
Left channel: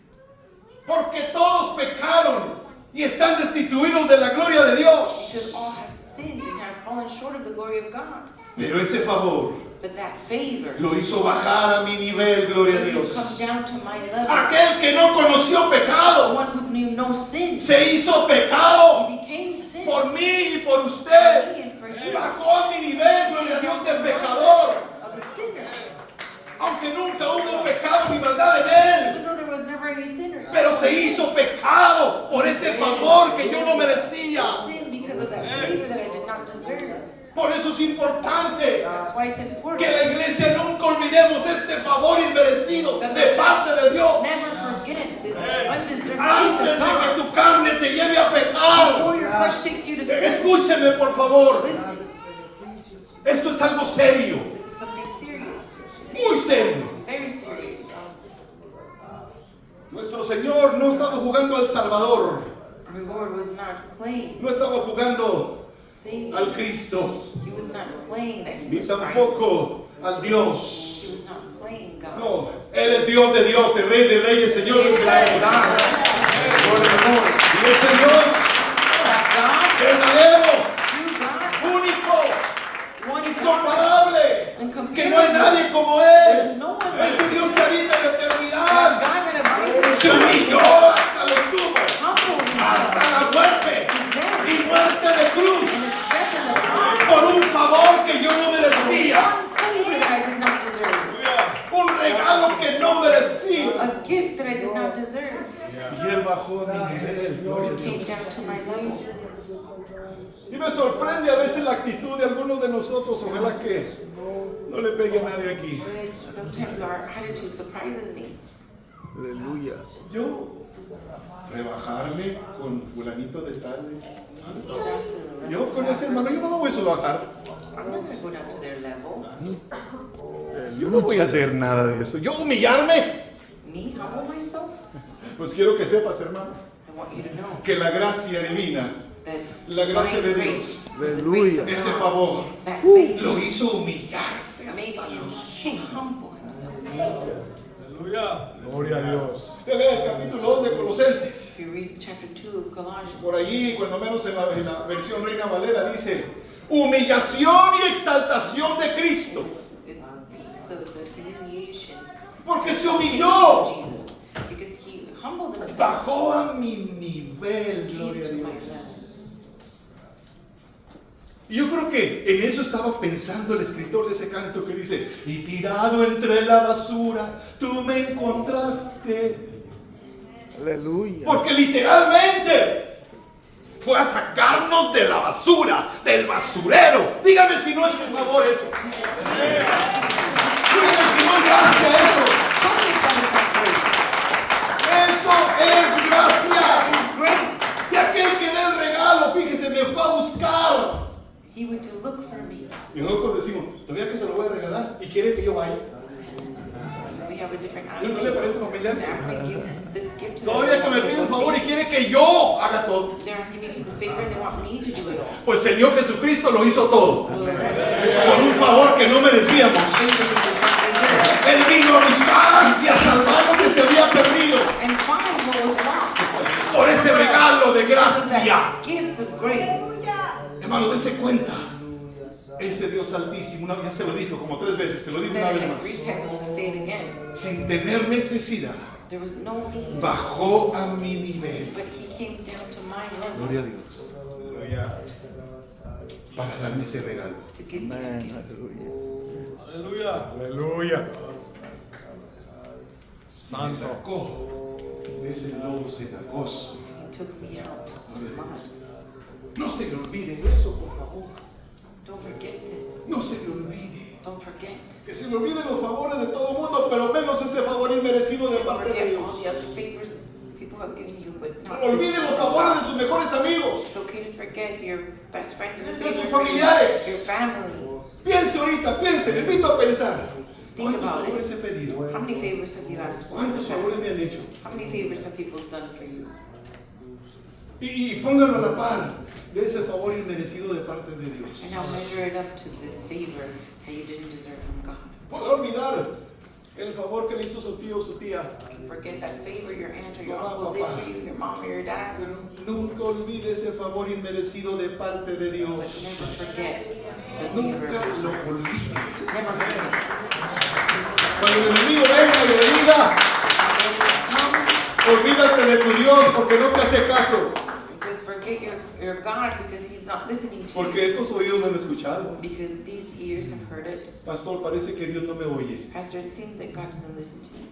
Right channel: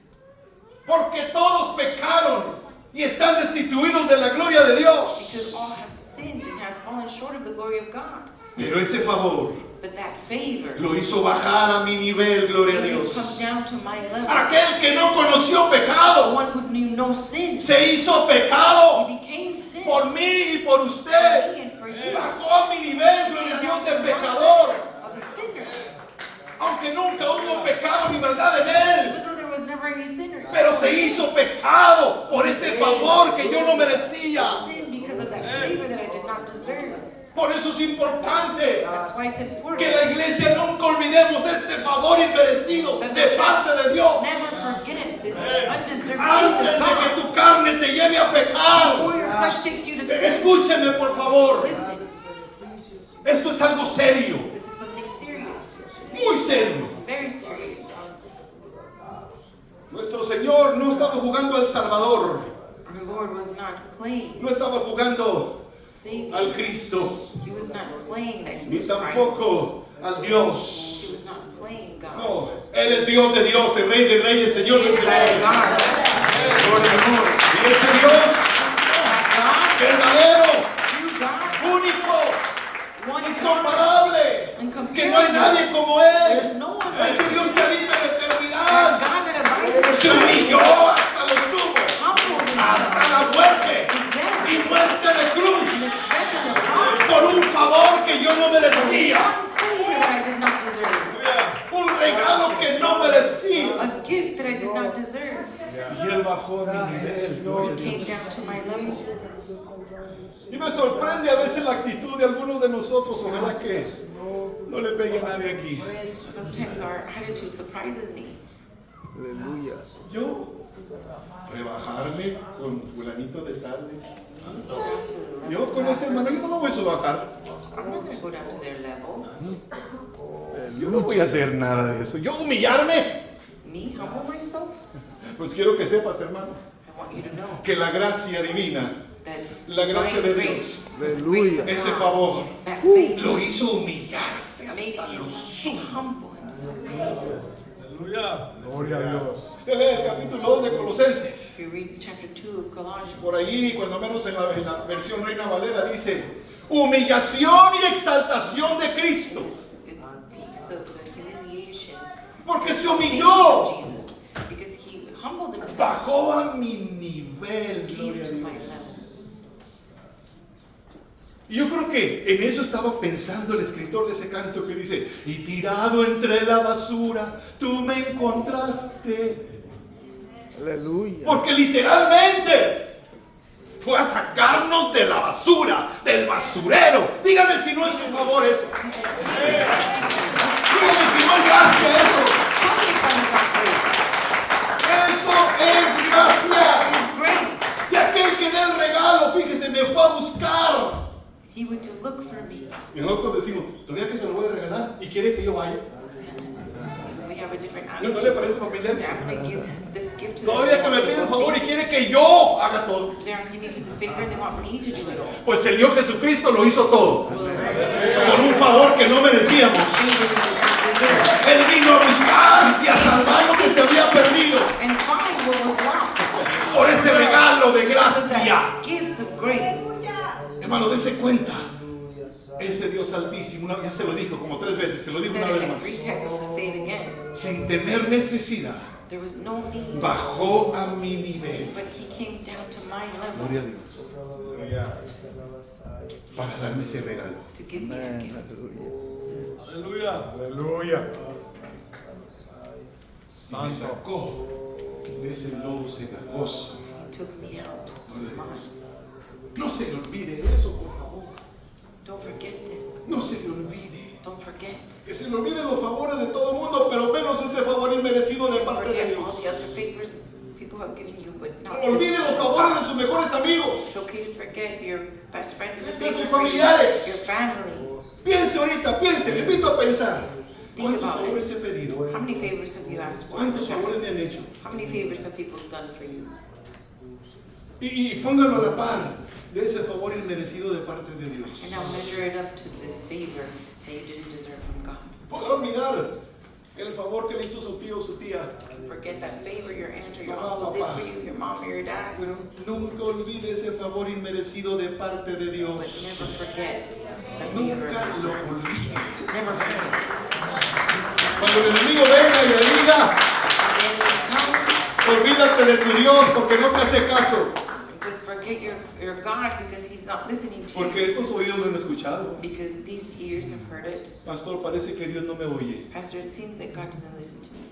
Porque todos pecaron y están destituidos de la gloria de Dios. Because all have sinned and have fallen short of the glory of God. Pero ese favor But that favor lo hizo bajar a mi nivel, gloria a made him Dios. come down to my level. Aquel que no conoció The pecado one who knew no sin. se hizo pecado He became sin por mí y por for usted. me and for you. Bajó a mi nivel, gloria a Dios, de pecador. Of a sinner. Aunque nunca hubo pecado ni maldad en él. Even though there was never any sinner. Pero se hizo pecado por ese favor que yo no merecía. Sin because of that favor that I did not deserve. Por eso es importante That's why it's important que la iglesia nunca olvidemos este favor favor inmerecido de parte de Dios. Never forget this undeserved gift Antes of de que God. tu carne te lleve a pecar. Before your flesh takes you to sin, Escúcheme por favor. listen, Esto es algo serio, this is something serious, muy serio. very serious. Nuestro Señor no estaba jugando al Salvador, The Lord was not playing no estaba jugando Savior. al Cristo, He was not playing that He ni was Christ. tampoco al Dios. He was not playing God. No, Él es Dios de Dios, el Rey de Reyes, Señor He de is God of Señores. God, Lord of Lords. Y ese Dios God, verdadero, true God, único, one God, incomparable, que no hay nadie como There's Él. no one like Ese Dios que habita en la God eternidad that abides in se humilló eternity, hasta lo sumo, humbled hasta himself la muerte to death, y muerte de cruz, and accepted the cross. por un favor que yo no merecía, One favor that I did not deserve, un regalo que no merecía. a gift that I did not deserve. Y Él bajó a mi nivel, gloria a He came Dios. down to my level. Y me sorprende a veces la actitud de algunos de nosotros, ojalá que no le pegue a nadie aquí. Sometimes our attitude surprises me. Aleluya. Yo rebajarme con fulanito de tal. Go down to the level Yo of con that ese hermano yo no person. me voy a subajar. I'm not going to go down to their level. Yo no voy a hacer nada de eso. Yo humillarme. Me humble myself. Pues quiero que sepas, hermano, I want you to know que la gracia divina, that la gracia de divine Dios, grace, the Aleluya. grace of ese God, favor, that favor lo hizo humillarse made hasta him lo sumo. humble himself. Aleluya. Gloria a Dios. Usted lee el capítulo 2 de Colosenses. If you read chapter 2 of Colossians, Por allí, cuando menos en la versión Reina Valera, dice humillación y exaltación de Cristo. it speaks of the humiliation, Porque se exaltation humilló, of Jesus, because he humbled himself, bajó a mi nivel, came gloria a to my Dios. level. Y yo creo que en eso estaba pensando el escritor de ese canto que dice, y tirado entre la basura, tú me encontraste. Aleluya. Porque literalmente fue a sacarnos de la basura, del basurero. Dígame si no es su favor eso. Dígame si no es gracia eso. Tell me if that is not grace. Eso es gracia. That is grace. Y aquel que da el regalo, fíjese, me fue a buscar. He went to look for me. Y nosotros decimos, todavía que se lo voy a regalar y quiere que yo vaya. We have a different ¿No le attitude. parece familiar? I'm going to give this gift to Todavía que them. me They pide un want favor to y take quiere que yo haga todo. it. They're asking me for this favor and they want me to do it all. Pues el Dios Jesucristo lo hizo todo. Well, then, Por un favor que no merecíamos. favor we did not deserve. Él vino a buscar y a salvar lo que se había perdido. And find what was lost. Por ese regalo de Because of gracia. that gift of grace. Hermano, dése cuenta. Ese Dios altísimo, ya se lo dijo como 3 veces, se lo digo una Said it vez like 3 más. times. I'm going to say it again. Sin tener necesidad, There was no need, bajó a mi nivel. but he came down to my level Gloria a Dios. Para darme ese regalo. to give me that Amén. gift. Aleluya. Aleluya. Aleluya. Y me Santo. sacó de ese lodo cenagoso. He took me out of the mud. No se le olvide eso, por favor. Don't forget this. No se le olvide. Don't forget. Que se le olviden los favores de todo el mundo, pero menos ese favor inmerecido de Don't parte de forget all Dios. the other favors people have given you, but not Olvide this los one. favores de sus mejores amigos. It's okay to forget your best friend, your De sus favorite friend, familiares. your family. Piense ahorita, piense, le invito a pensar. Think ¿Cuántos about favores it. he pedido? How many favors have you asked for? ¿Cuántos favores me han hecho? How many favors have people done for you? Y póngalo a la par de ese favor inmerecido de parte de Dios. And now measure it up to this favor that you didn't deserve from God. Podrá olvidar el favor que le hizo su tío o su tía, You can forget that favor your aunt or your Mamá, uncle did papá. for you, your mom or your dad. pero nunca olvide ese favor inmerecido de parte de But Dios. never forget the favor Nunca of lo God. olvide. Never forget it. Cuando el enemigo venga y le diga, And when it comes, olvídate de tu Dios porque no te hace caso. just forget your God because He's not listening to Porque you. estos oídos no han escuchado. Because these ears have heard it. Pastor, parece que Dios no me oye. Pastor, it seems that God doesn't listen to me.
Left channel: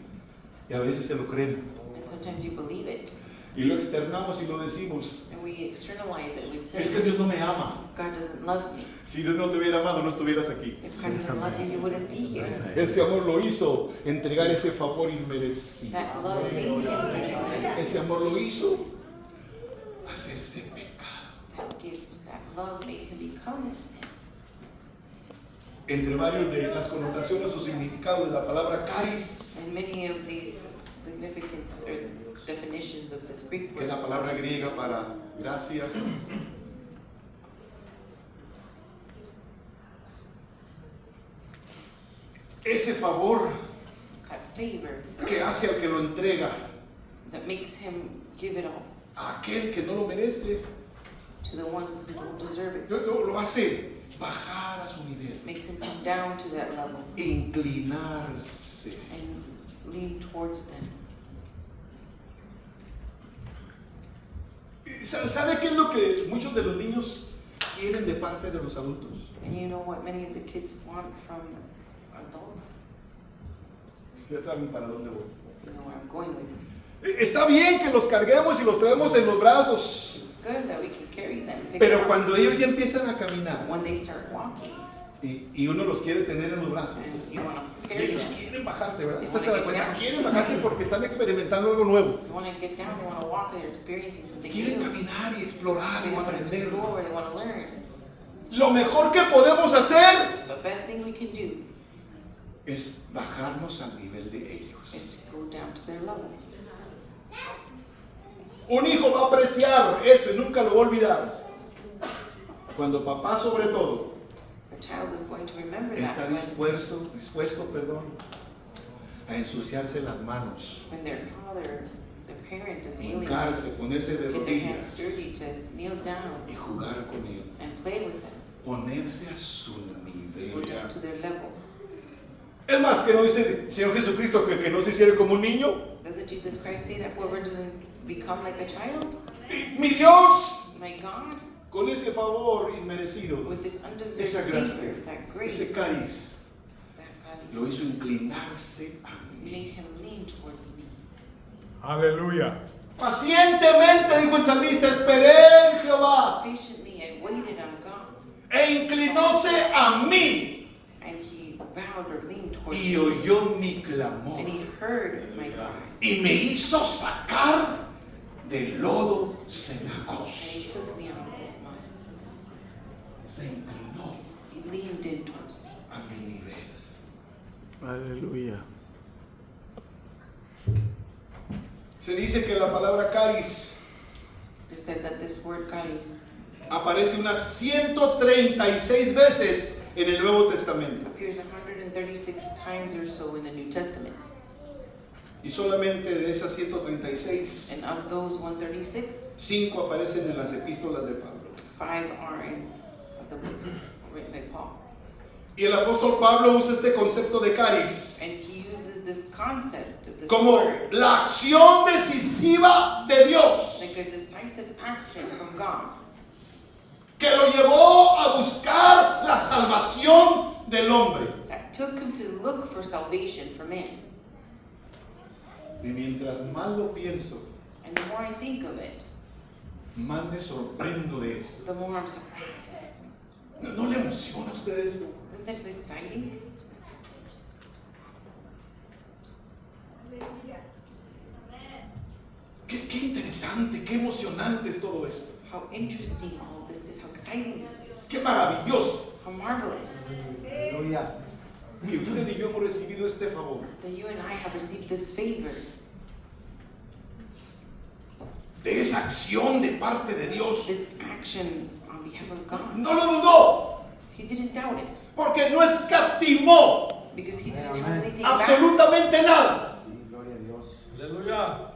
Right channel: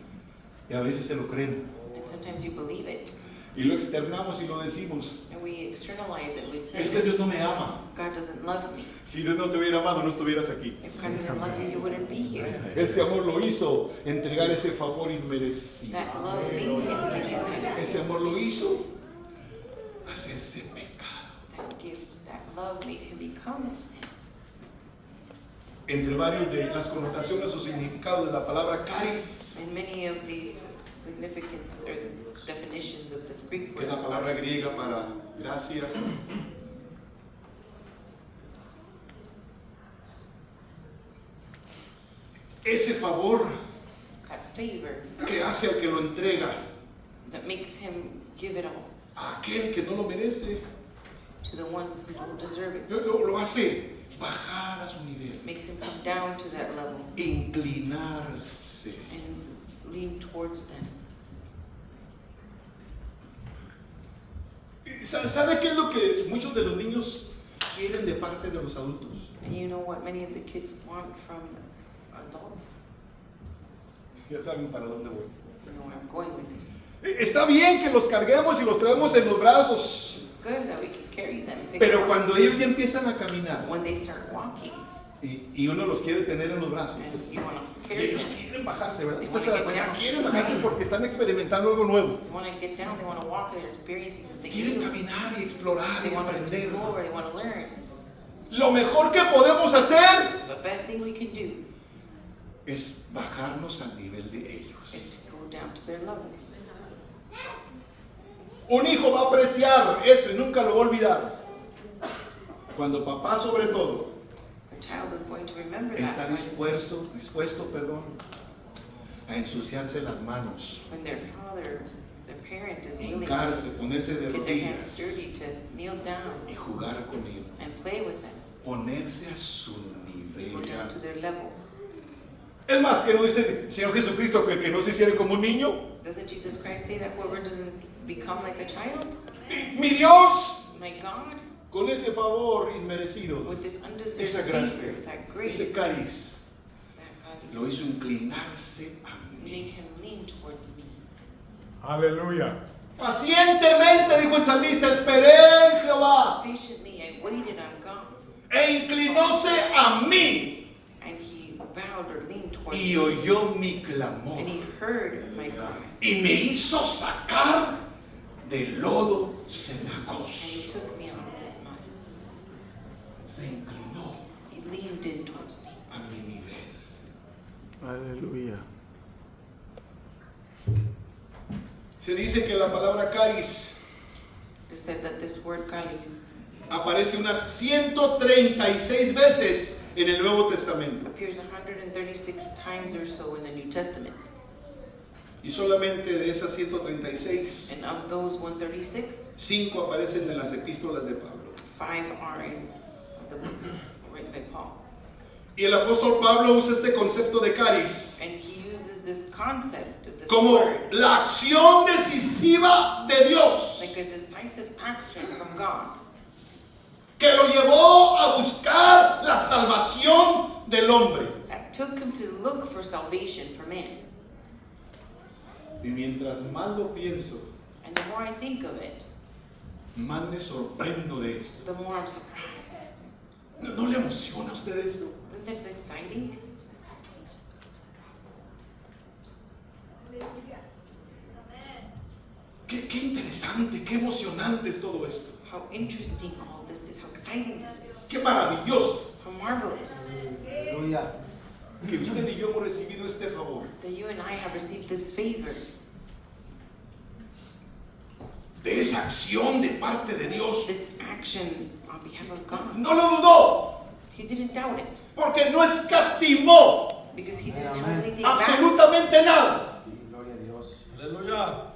Y a veces se lo creen. And sometimes you believe it. Y lo externamos y lo decimos. And we externalize it. We Es que say, Dios no me ama. God doesn't love me. Si Dios no te hubiera amado, no estuvieras aquí. If God didn't love you, you wouldn't be here. Ese amor lo hizo entregar ese favor inmerecido. That love made him give you that. Ese amor lo hizo hacerse pecado. That love made him become sin. Entre varios de las connotaciones o significados de la palabra caris, And many of these significant definitions of this Greek que es word, la palabra griega para gracia, ese favor that favor que hace al que lo entrega that makes him give it all a aquel que no lo merece, to the ones who don't deserve it. lo hace bajar a su nivel, Makes him come down to that level inclinarse. and lean towards them. ¿Sabe qué es lo que muchos de los niños quieren de parte de los adultos? And you know what many of the kids want from adults? Ya saben para dónde voy. You know where I'm going with this. Está bien que los carguemos y los traemos en los brazos, It's good that we can carry them. Pick pero them up. cuando ellos ya empiezan a caminar When they start walking y uno los quiere tener en los brazos, and you want to y carry ellos them, quieren bajarse, ¿verdad? Usted se da cuenta, quieren bajarse porque están experimentando algo nuevo. they want to get down, they want to walk, they're experiencing something Quieren new. caminar y explorar They y want to aprender. explore, they want to learn. Lo mejor que podemos hacer The best thing we can do es bajarnos al nivel de ellos. is to go down to their level. Un hijo va a apreciar eso y nunca lo va a olvidar. Cuando papá, sobre todo, A child is going to remember está that dispuesto, a ensuciarse las manos, when their father, their parent is willing to hincarse, ponerse de get their hands rodillas dirty, to kneel down y jugar con él, and play with them, ponerse a su go nivel. down to their level. Es más, que no dice Señor Jesucristo que no se hiciera como un niño. Doesn't Jesus Christ say that whoever doesn't become like a child, Mi Dios, my God, con ese favor inmerecido, with this undeserved esa gracia, favor, that grace, ese cáliz, that God lo hizo inclinarse a made mí. him lean towards me. Aleluya. Pacientemente, dijo el salmista, esperé en Jehová Patiently I waited on God, e inclinóse a mí and he bowed or leaned towards y me, oyó mi and clamor he heard my cry, y me hizo sacar del lodo and he cenagoso. took me out of this mud. Se inclinó He leaned in towards me. a mi nivel. Aleluya. Se dice que la palabra caris It is said that this word calis aparece unas 136 veces en el Nuevo Testamento appears 136 times or so in the New Testament. y solamente de esas 136, And of those 136, 5 aparecen en las epístolas de Pablo. 5 are in the books written by Paul. Y el apóstol Pablo usa este concepto de caris And he uses this concept of this como word la acción decisiva de Dios like a decisive action from God que lo llevó a buscar la salvación del hombre. that took him to look for salvation for man. Y mientras más lo pienso, And the more I think of it, más me sorprendo de esto. the more I'm surprised. ¿No le emociona a usted esto? Isn't this exciting? Qué interesante, qué emocionante es todo esto. How interesting all of this is, how exciting this is, Qué maravilloso how marvelous Aleluya. que usted y yo hemos recibido este favor that you and I have received this favor, de esa acción de parte de Dios. this action on behalf of God. No lo dudó, He didn't doubt it porque no escatimó because he didn't hold anything back. absolutamente nada. Gloria a Dios. Aleluya.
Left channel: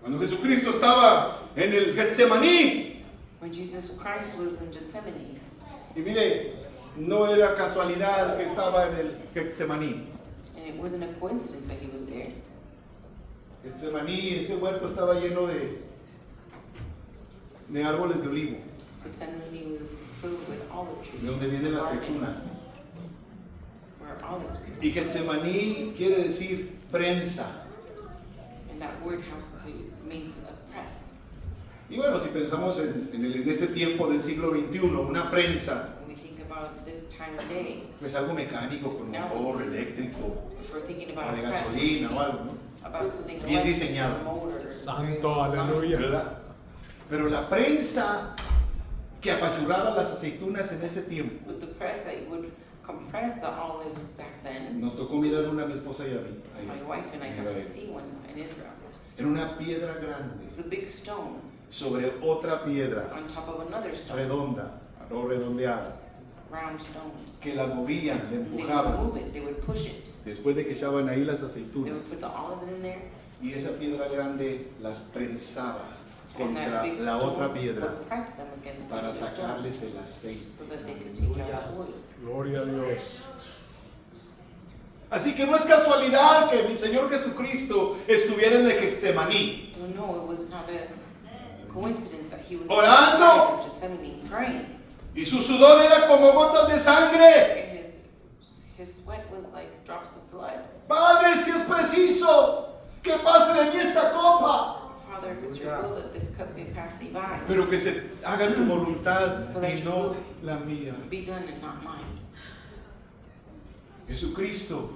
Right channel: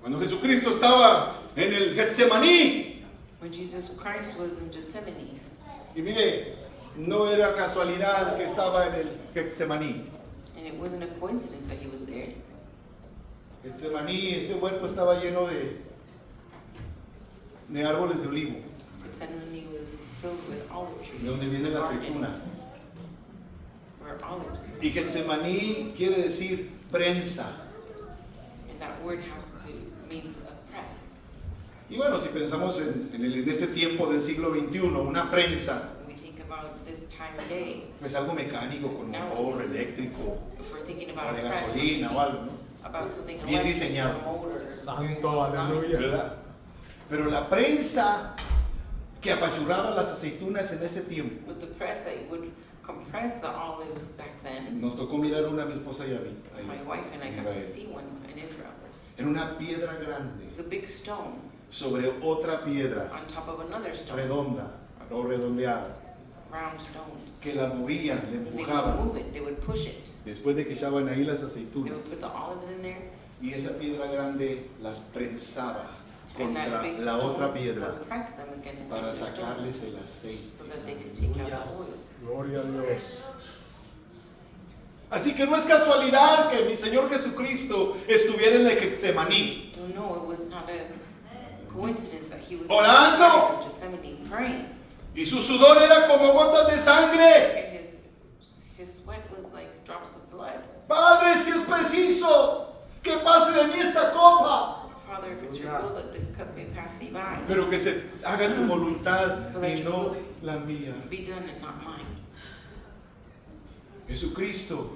Cuando Jesucristo estaba en el Getsemaní, When Jesus Christ was in Gethsemane, y mire, no era casualidad que estaba en el Getsemaní. and it wasn't a coincidence that he was there. Getsemaní, ese huerto estaba lleno de árboles de olivo, Gethsemane was filled with olive trees. de donde viene la Garden aceituna. where olives. Y Getsemaní quiere decir prensa. And And that word means oppress. Y bueno, si pensamos en este tiempo del siglo XXI, una prensa, When we think about this time of day, pues algo mecánico con motor eléctrico if we're thinking o about de a press, gasolina o algo, ¿no? about something Bien electric, diseñado. a motor, Santo, very well designed. aleluya. ¿Verdad? Pero la prensa que apachurraba las aceitunas en ese tiempo, With the press that would compress the olives back then, nos tocó mirar una a mi esposa y a mí. ahí, my wife and I en got to Israel. see one in Israel. Era una piedra grande It's a big stone sobre otra piedra on top of another stone, redonda o redondeada, round stones. que la movían, la They would empujaban, move it, they would push it. después de que echaban ahí las They aceitunas. would put the olives in there, Y esa piedra grande las prensaba and that contra big la stone otra piedra would press them against the para other stone sacarles el aceite. so that they could take out the oil. Gloria a Dios. Así que no es casualidad que mi Señor Jesucristo estuviera en el Getsemaní. Don't know, it was not a coincidence that he was Orando. in the Garden of Gethsemane praying, Y su sudor era como gotas de sangre. and his sweat was like drops of blood. Padre, si es preciso, que pase de mí esta copa. Father, if it's your will that this cup may pass me by, Pero que se haga tu voluntad y no la mía. be done and not mine. Jesucristo,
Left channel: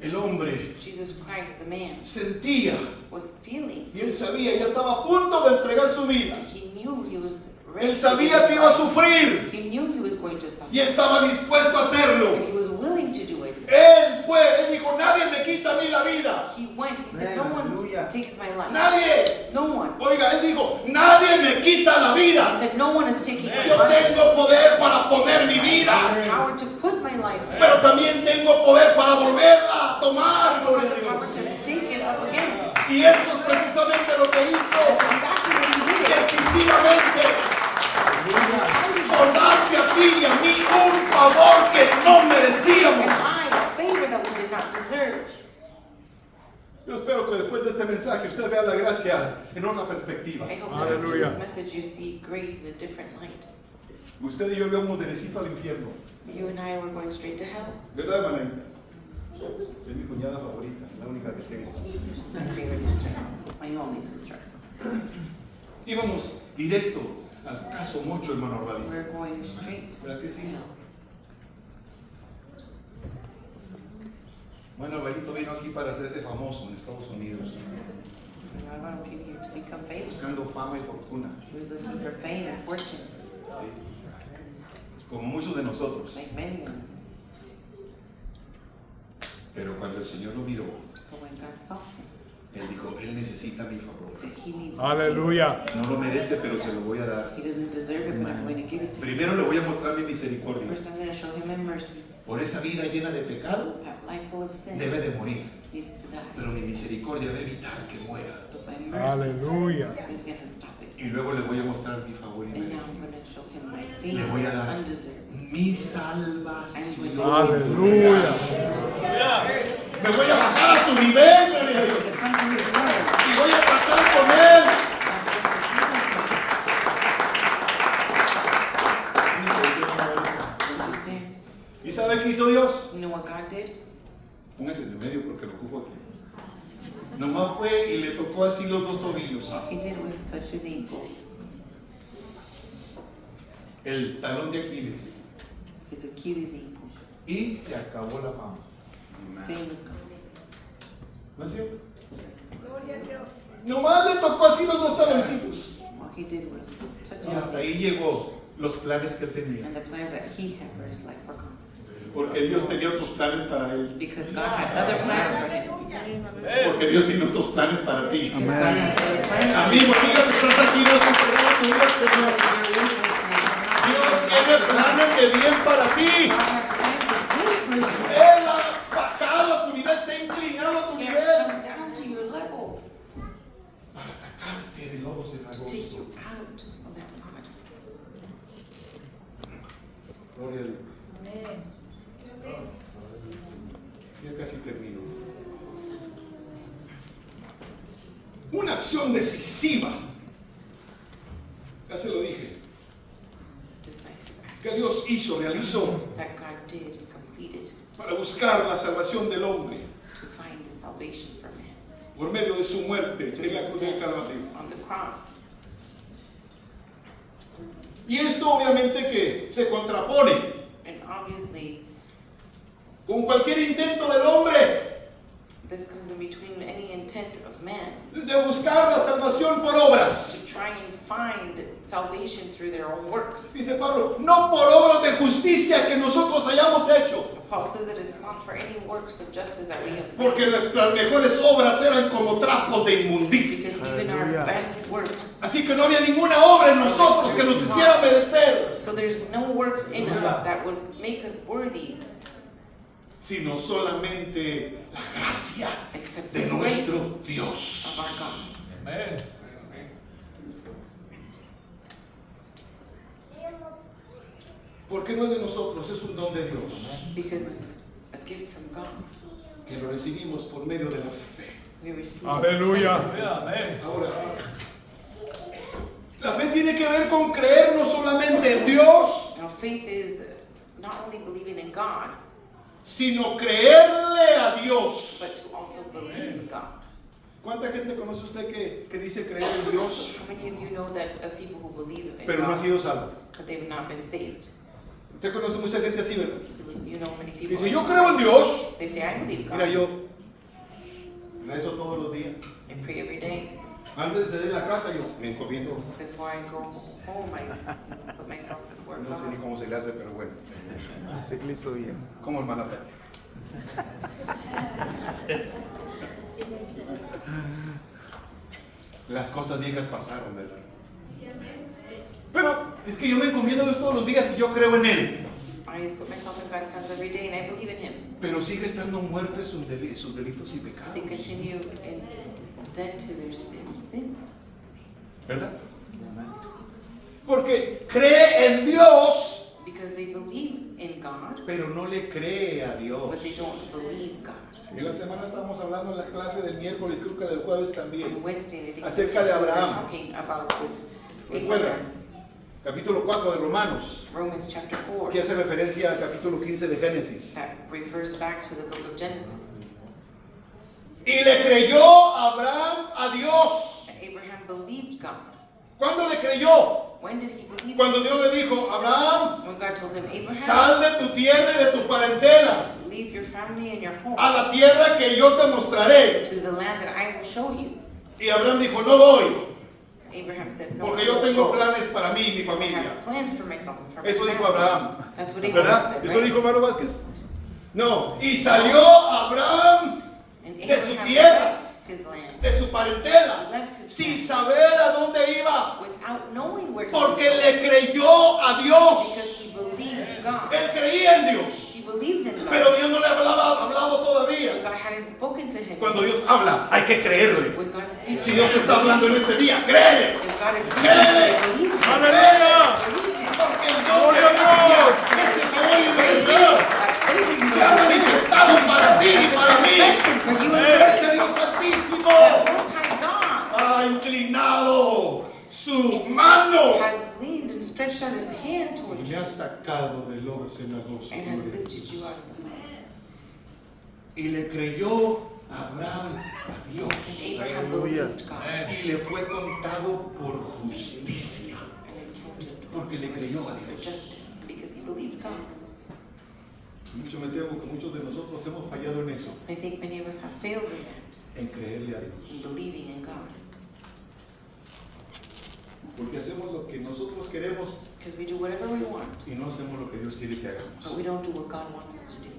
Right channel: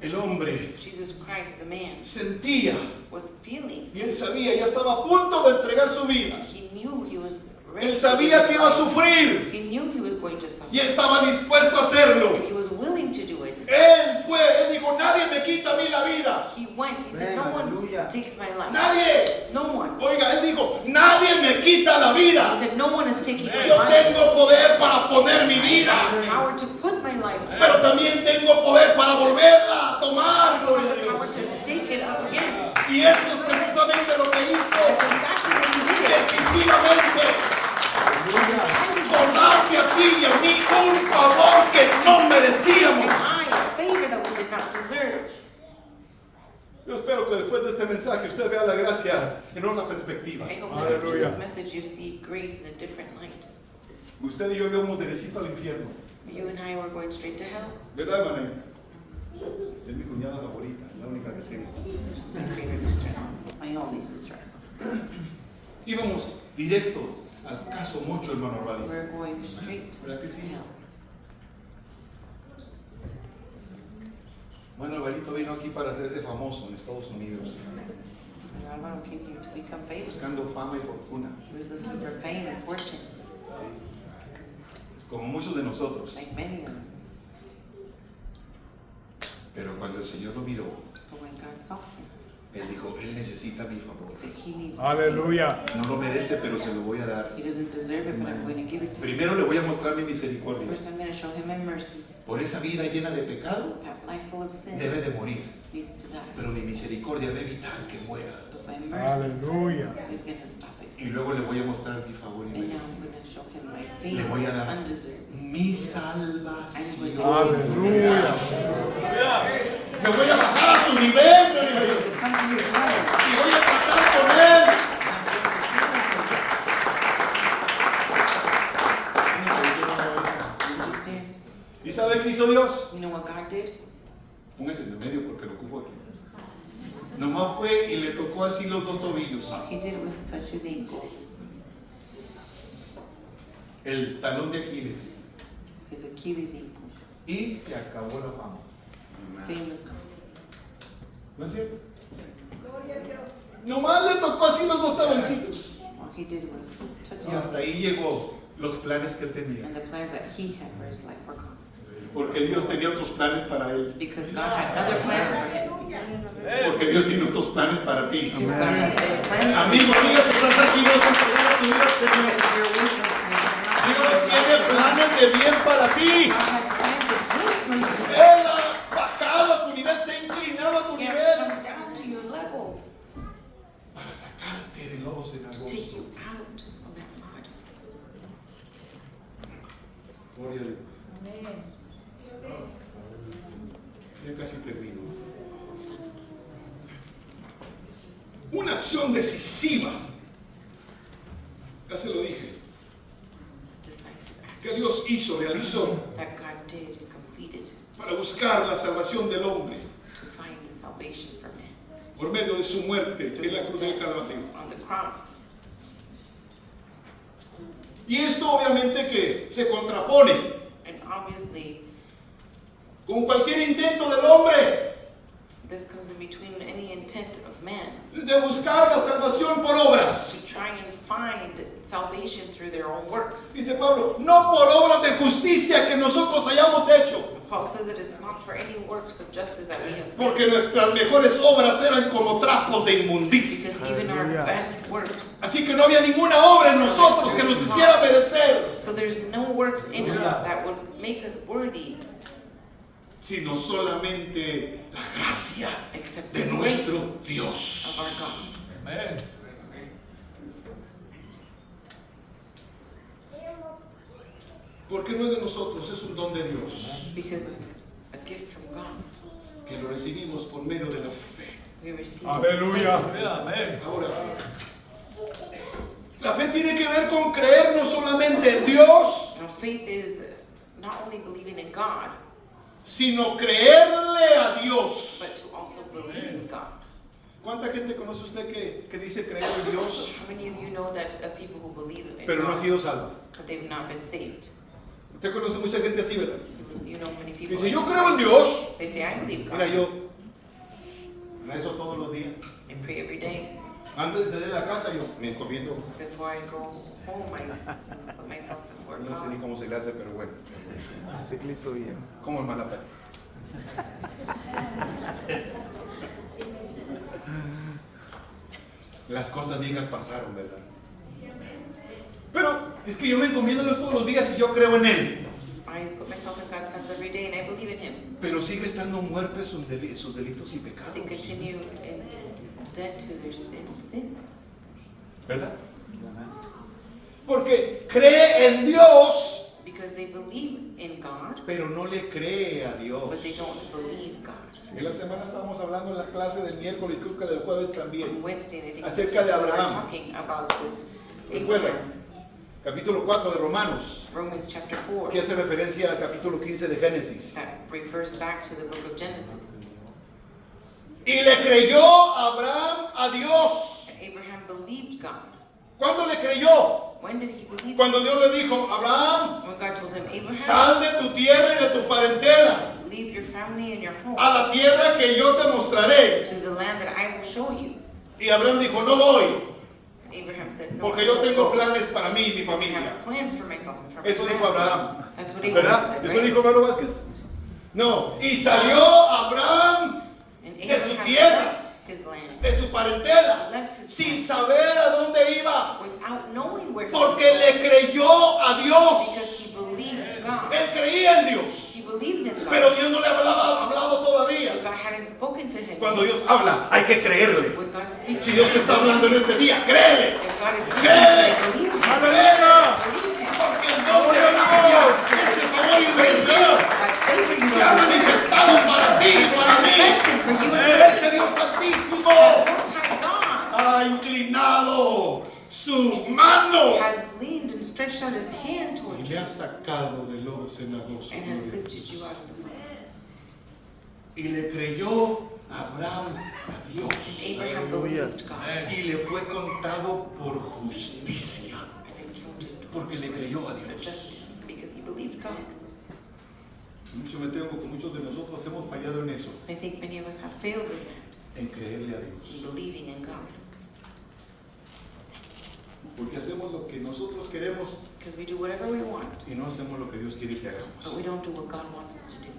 el hombre, Jesus Christ, the man, sentía was feeling. y él sabía, ya estaba a punto de entregar su vida. He knew he was ready. Él to sabía give que his iba a life. sufrir He knew he was going to suffer, y estaba dispuesto a hacerlo. and he was willing to do it. Él dijo, nadie me quita a mí la vida. He went. He said, "No one Hallelujah. takes my life. Nadie. No one." Oiga, él dijo, nadie me quita la He vida. said, "No one is taking my Yo life. tengo poder para poner mi I vida, have the power to put my life down. pero también tengo poder para volverla a tomar. I have Gloria a the power Dios. to take it up again." Y eso es precisamente lo que hizo That's exactly what he did. decisivamente. Decided Por darte a ti y a mí un favor que no and merecíamos. I, a favor that we did not deserve. Yo espero que después de este mensaje usted vea la gracia en otra perspectiva. I hope that after Hallelujah. this message you see grace in a different light. Usted y yo íbamos derechito al infierno. You and I were going straight to hell. ¿Verdad, hermana? Es mi cuñada favorita, la única que tengo. She's my favorite sister, my only sister. Íbamos directo al caso mucho, hermano Rabí. We're going straight to ¿Verdad que sí? hell. Bueno, Alvarito vino aquí para hacerse famoso en Estados Unidos, And Alvaro came here to become famous. buscando fama y fortuna. He was looking for fame and fortune, ¿Sí? Como muchos de nosotros. like many of us. Pero cuando el Señor lo miró, But when God saw him, Él dijo, Él necesita mi favor. he said, "He needs my favor. Aleluya. No lo merece, pero se lo voy a dar. He doesn't deserve it, but I'm going to give it to him. Primero le voy a mostrar mi misericordia. First, I'm going to show him my mercy. Por esa vida llena de pecado, That life full of sin debe de morir. needs to die. Pero mi misericordia va a evitar que muera. But my mercy Aleluya. is going to stop it. Y luego le voy a mostrar mi favor y And now merece. I'm going to show him my Le favor voy a that's dar undeserved. mi salvación. Aleluya. Me voy a bajar a su nivel, gloria a To Dios. come to his level. Y voy a tratar con Él. I'm going to deal with him. Did you stand? ¿Y sabe qué hizo Dios? You know what God did? Póngase en el medio porque lo ocupo aquí. Nomás fue y le tocó así los dos tobillos. All he did was touch his ankles. El talón de Aquiles. His Achilles ankle. Y se acabó la fama. Fame was gone. ¿No es cierto? Nomás le tocó así los dos taloncitos. All he did was touch Y him. hasta ahí llegó los planes que él tenía. And the plans that he had for his life were gone. Porque Dios tenía otros planes para él. Because God had other plans for him. Porque Dios tiene otros planes para ti. Because God has other plans for Amigo, amiga que estás aquí, no has entregado tu vida al you. Señor. You're with us today. Dios tiene planes de bien para ti. God has plans of good for you. Él ha bajado a tu nivel, se ha inclinado a tu He has nivel come down to your level para sacarte de lodos to take cenagosos. you out of that mud. Gloria a Dios. Ya casi termino. Una acción decisiva. Ya se lo dije. Decisive Que action Dios hizo, realizó that God did and completed para buscar la salvación del hombre. to find the salvation for man. por medio de su muerte through en la his cruz del death Calvario. on the cross. Y esto obviamente que se contrapone And obviously, con cualquier intento del hombre this comes in between any intent of man de buscar la salvación por obras. to try and find salvation through their own works. Dice Pablo, no por obras de justicia que nosotros hayamos hecho, Paul says that it's not for any works of justice that we have done, porque nuestras mejores obras eran como trapos de inmundicia. because even our Hallelujah. best works, Así que no había ninguna obra en nosotros que nos hiciera merecer, so there's no works in us that would make us worthy sino solamente la gracia except de the grace nuestro of Dios. our God. Amén. Porque no es de nosotros, es un don de Dios, Because it's a gift from God. que lo recibimos por medio de la fe. We receive Aleluya. it. Amén. Ahora, la fe tiene que ver con creer no solamente en Dios, Now faith is not only believing in God, sino creerle a Dios. but to also believe in God. ¿Cuánta gente conoce usted que dice creer en Dios, How many of you know that of people who believe in pero no ha God, sido salvo? but they've not been saved? Usted conoce mucha gente así, ¿verdad? You know many Que people. dice, yo creo en Dios. They say, I believe God. Mira, yo rezo todos los días. I pray every day. Antes de ir a la casa, yo me encomiendo. Before I go home, I put myself before No sé ni God. cómo se le hace, pero bueno. Así que lo hizo bien. ¿Cómo, hermana Pérez? Las cosas viejas pasaron, ¿verdad? Pero es que yo me encomiendo a Dios todos los días y yo creo en Él. I put myself in God's hands every day and I believe in Him. Pero sigue estando muerto en sus delitos y pecados. They continue in dead to their sin. ¿Verdad? Porque cree en Dios, Because they believe in God, pero no le cree a Dios. but they don't believe God. En la semana estábamos hablando en la clase del miércoles, creo que del jueves On también. Wednesday, and I think Acerca de we're Abraham. talking about this. Recuerda, Abraham. capítulo 4 de Romanos, Romans chapter 4. que hace referencia al capítulo 15 de Génesis. That refers back to the book of Genesis. Y le creyó Abraham a Dios. Abraham believed God. ¿Cuándo le creyó? When did he believe Cuando Dios le dijo, Abraham, God? When God told him, Abraham, sal de tu tierra y de tu parentela leave your family and your home a la tierra que yo te mostraré. to the land that I will show you. Y Abraham dijo, no voy, Abraham said, no, porque yo tengo planes para mí y mi because I familia. have plans for myself and for my Eso dijo family. Abraham. That's what Abraham ¿Verdad? said, Eso right? dijo hermano Vázquez. No, y salió Abraham And de su Abraham tierra, left his land de su parentela, left his sin land saber a dónde iba, without knowing where he porque was le creyó a going, Dios. because he believed God. Él creía en Dios, He believed in God. pero Dios no le hablaba, hablado But todavía. God hadn't spoken to him. Cuando Dios habla, hay que creerle. When God speaks, Si Dios te está hablando en este día, créele. if God is speaking, Créele. believe him. Aleluya. Believe him. Porque el don de gracia, ese favor inmerecedor, se ha manifestado para ti y para mí. Ese Dios santísimo ha inclinado su mano Has leaned and stretched out his hand y toward me you ha sacado del lodo cenagoso. and has lifted you out of the mud. Y le creyó Abraham a Dios And Abraham Hallelujah. believed God y le fue contado por justicia. and encountered Porque le creyó a for Dios. justice because he believed God. Mucho me temo que muchos de nosotros hemos fallado en eso, I think many of us have failed in that, en creerle a in Dios. believing in God. Porque hacemos lo que nosotros queremos Because we do whatever we want, y no hacemos lo que Dios quiere que but hagamos. we don't do what God wants us to do.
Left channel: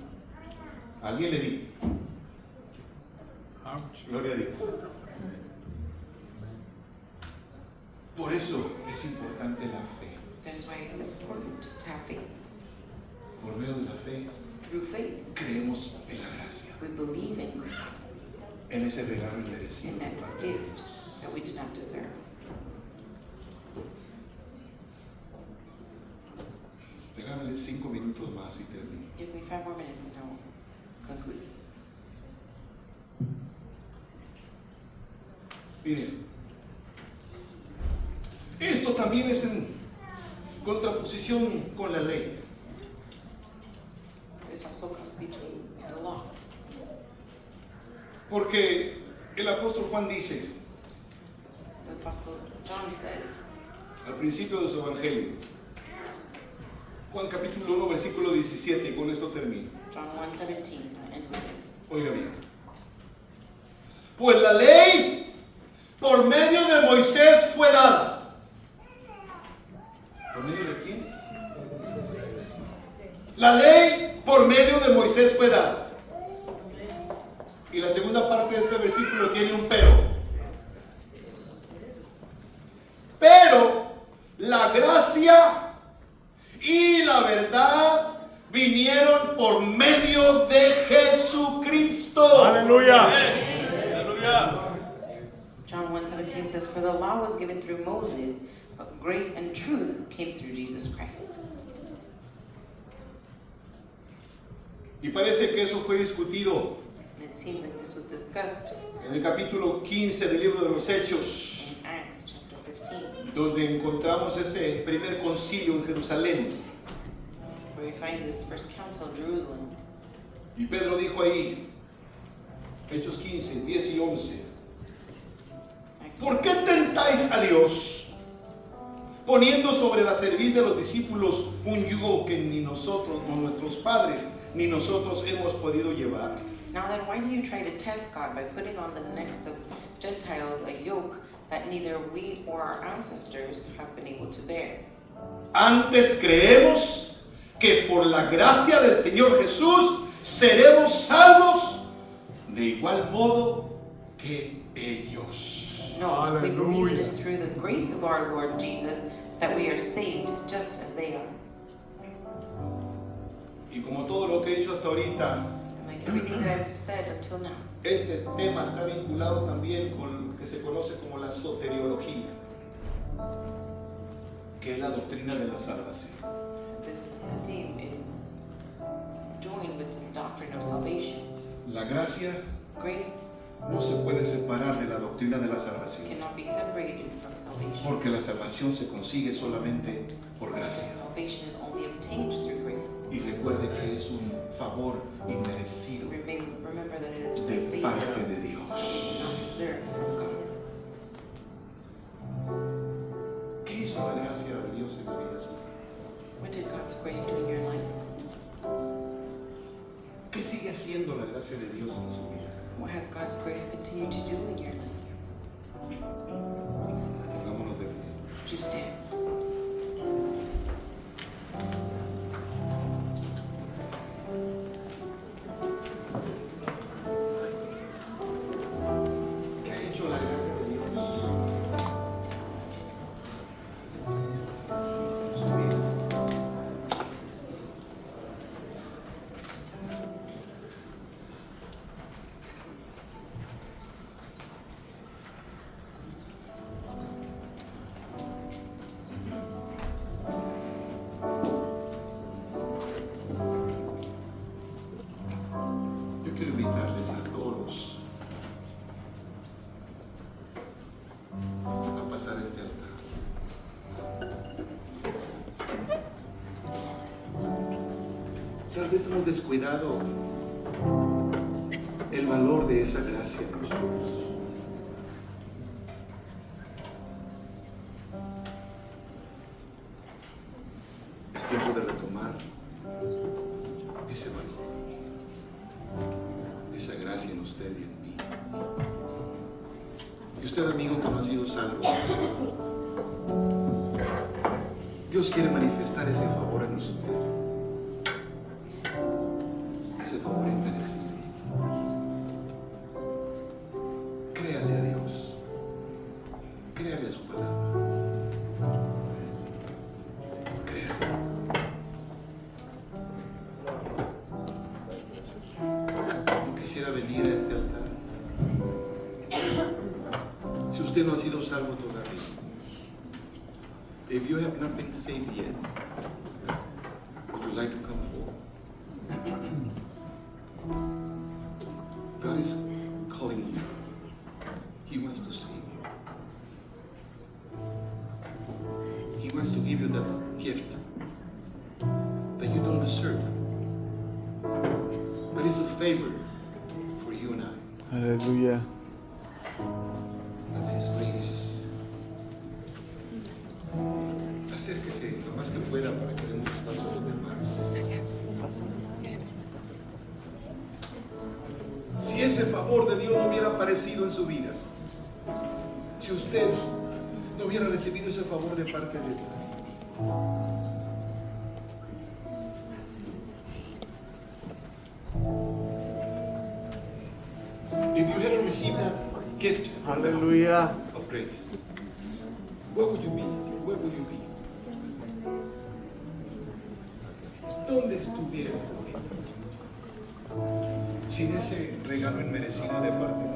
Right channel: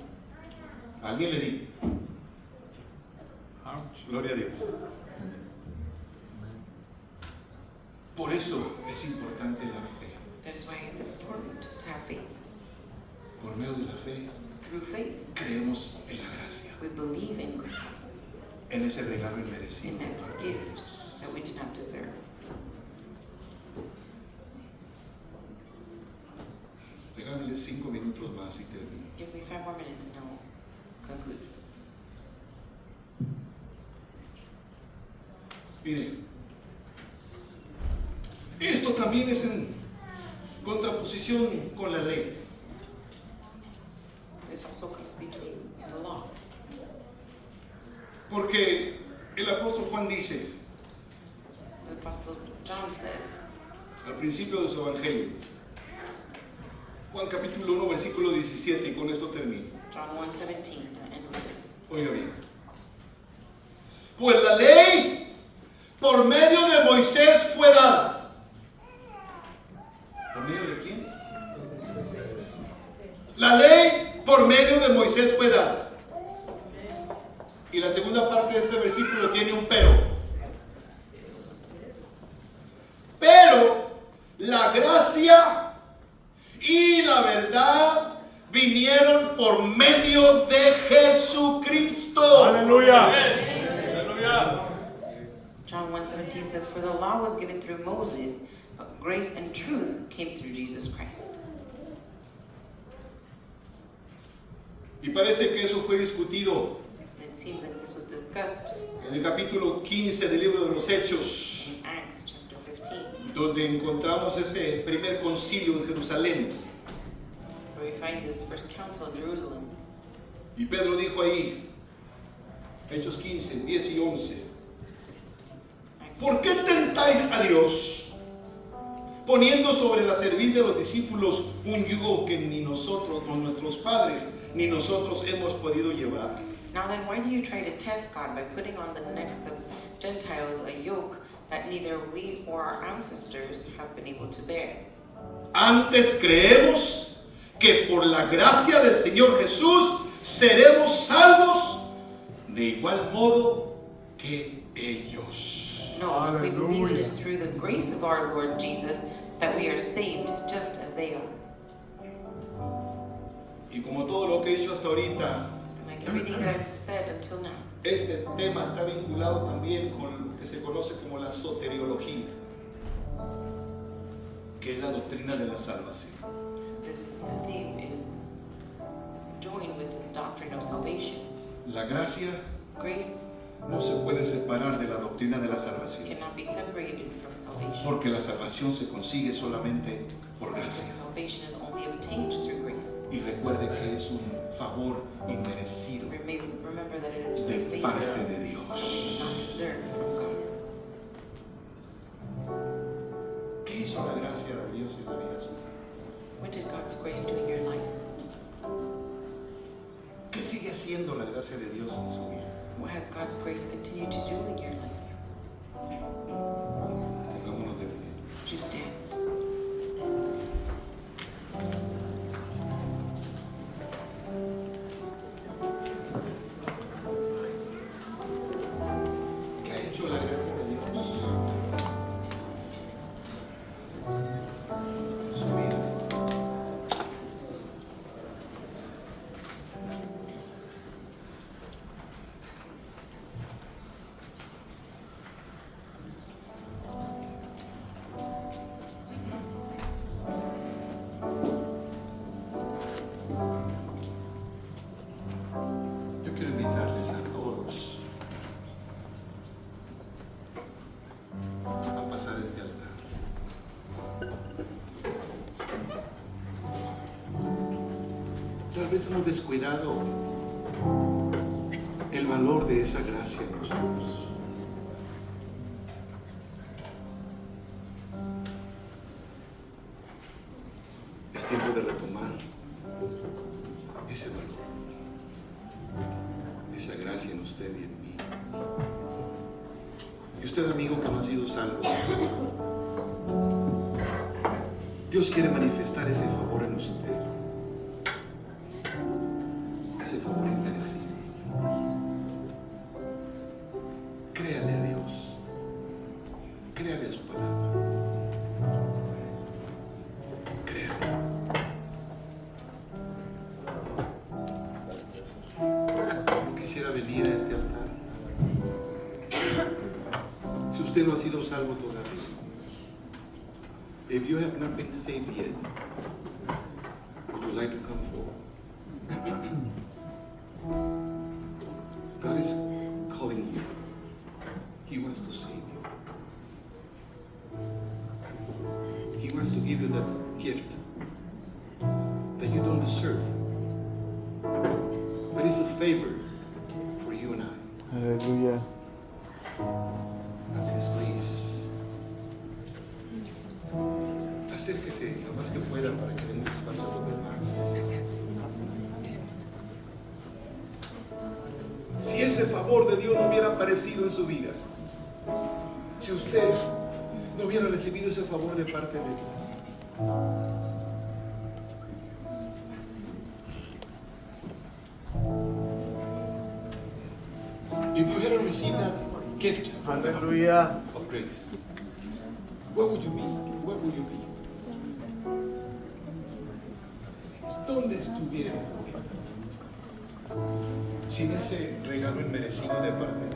Alguien le di. Gloria a Dios. Por eso es importante la fe. That is why it's important to have faith. Por medio de la fe Through faith, creemos en la gracia, we believe in grace, en ese regalo inmerecido. in that gift that we did not deserve. Regálale 5 minutos más y termino. Give me 5 more minutes and I'll conclude. Mire, esto también es en contraposición con la ley. This also comes between the law. Porque El apóstol Juan dice, The Apostle John says, al principio de su evangelio, Juan capítulo 1, versículo 17, y con esto termino. John 1:17, I end with this. Oiga bien. Pues la ley por medio de Moisés fue dada. ¿Por medio de quién? La ley por medio de Moisés fue dada. Y la segunda parte de este versículo tiene un pero. Pero la gracia y la verdad vinieron por medio de Jesucristo. Aleluya. Aleluya. John 1:17 says, For the law was given through Moses, but grace and truth came through Jesus Christ. Y parece que eso fue discutido It seems like this was discussed en el capítulo 15 del libro de los Hechos, in Acts chapter 15, donde encontramos ese primer concilio en Jerusalén. where we find this first council in Jerusalem. Y Pedro dijo ahí, Hechos 15, 10 y 11, Acts ¿por qué tentáis a Dios, poniendo sobre la cerviz de los discípulos un yugo que ni nosotros, o nuestros padres, ni nosotros hemos podido llevar? Now then, why do you try to test God by putting on the necks of Gentiles a yoke that neither we or our ancestors have been able to bear? Antes creemos que por la gracia del Señor Jesús seremos salvos de igual modo que ellos. No, we believe Hallelujah. it is through the grace of our Lord Jesus that we are saved just as they are. Y como todo lo que he dicho hasta ahorita, And like everything that I've said until now, este tema está vinculado también con lo que se conoce como la soteriología, que es la doctrina de la salvación. this theme is joined with this doctrine of salvation. La gracia Grace no se puede separar de la doctrina de la salvación, cannot be separated from salvation. porque la salvación se consigue solamente por Because gracia. salvation is only obtained through grace. Y recuerde que es un favor inmerecido Remember that it is de a favor parte de Dios. not deserved from God. ¿Qué hizo la gracia de Dios en la vida suya? What did God's grace do in your life? ¿Qué sigue haciendo la gracia de Dios en su vida? What has God's grace continued to do in your life? Pongámonos de pie. Would you stand? ¿Qué ha hecho la gracia de Dios en su vida? Yo quiero invitarles a todos a pasar este altar. Tal vez hemos descuidado el valor de esa gracia en nosotros. Es tiempo de retomar ese valor, esa gracia en usted y en mí. Y usted, amigo, que no ha sido salvo, Dios quiere manifestar ese favor en usted, ese favor inmerecido. Créale a Dios, créale a su palabra, créale. Yo quisiera venir a este altar. Si usted no ha sido salvo todavía, if you have not been saved yet, would you like to come forward? God is calling you. He wants to save you. He wants to give you that gift that you don't deserve. But it's a favor for you and I. Aleluya. That's His grace. Acérquese lo más que pueda para que demos espacio a los demás. Si ese favor de Dios no hubiera aparecido en su vida, si usted no hubiera recibido ese favor de parte de Dios, if you hadn't received that gift from God Hallelujah. of grace, where would you be? Where would you be? ¿Dónde estuviera sin ese regalo inmerecido de parte de Dios?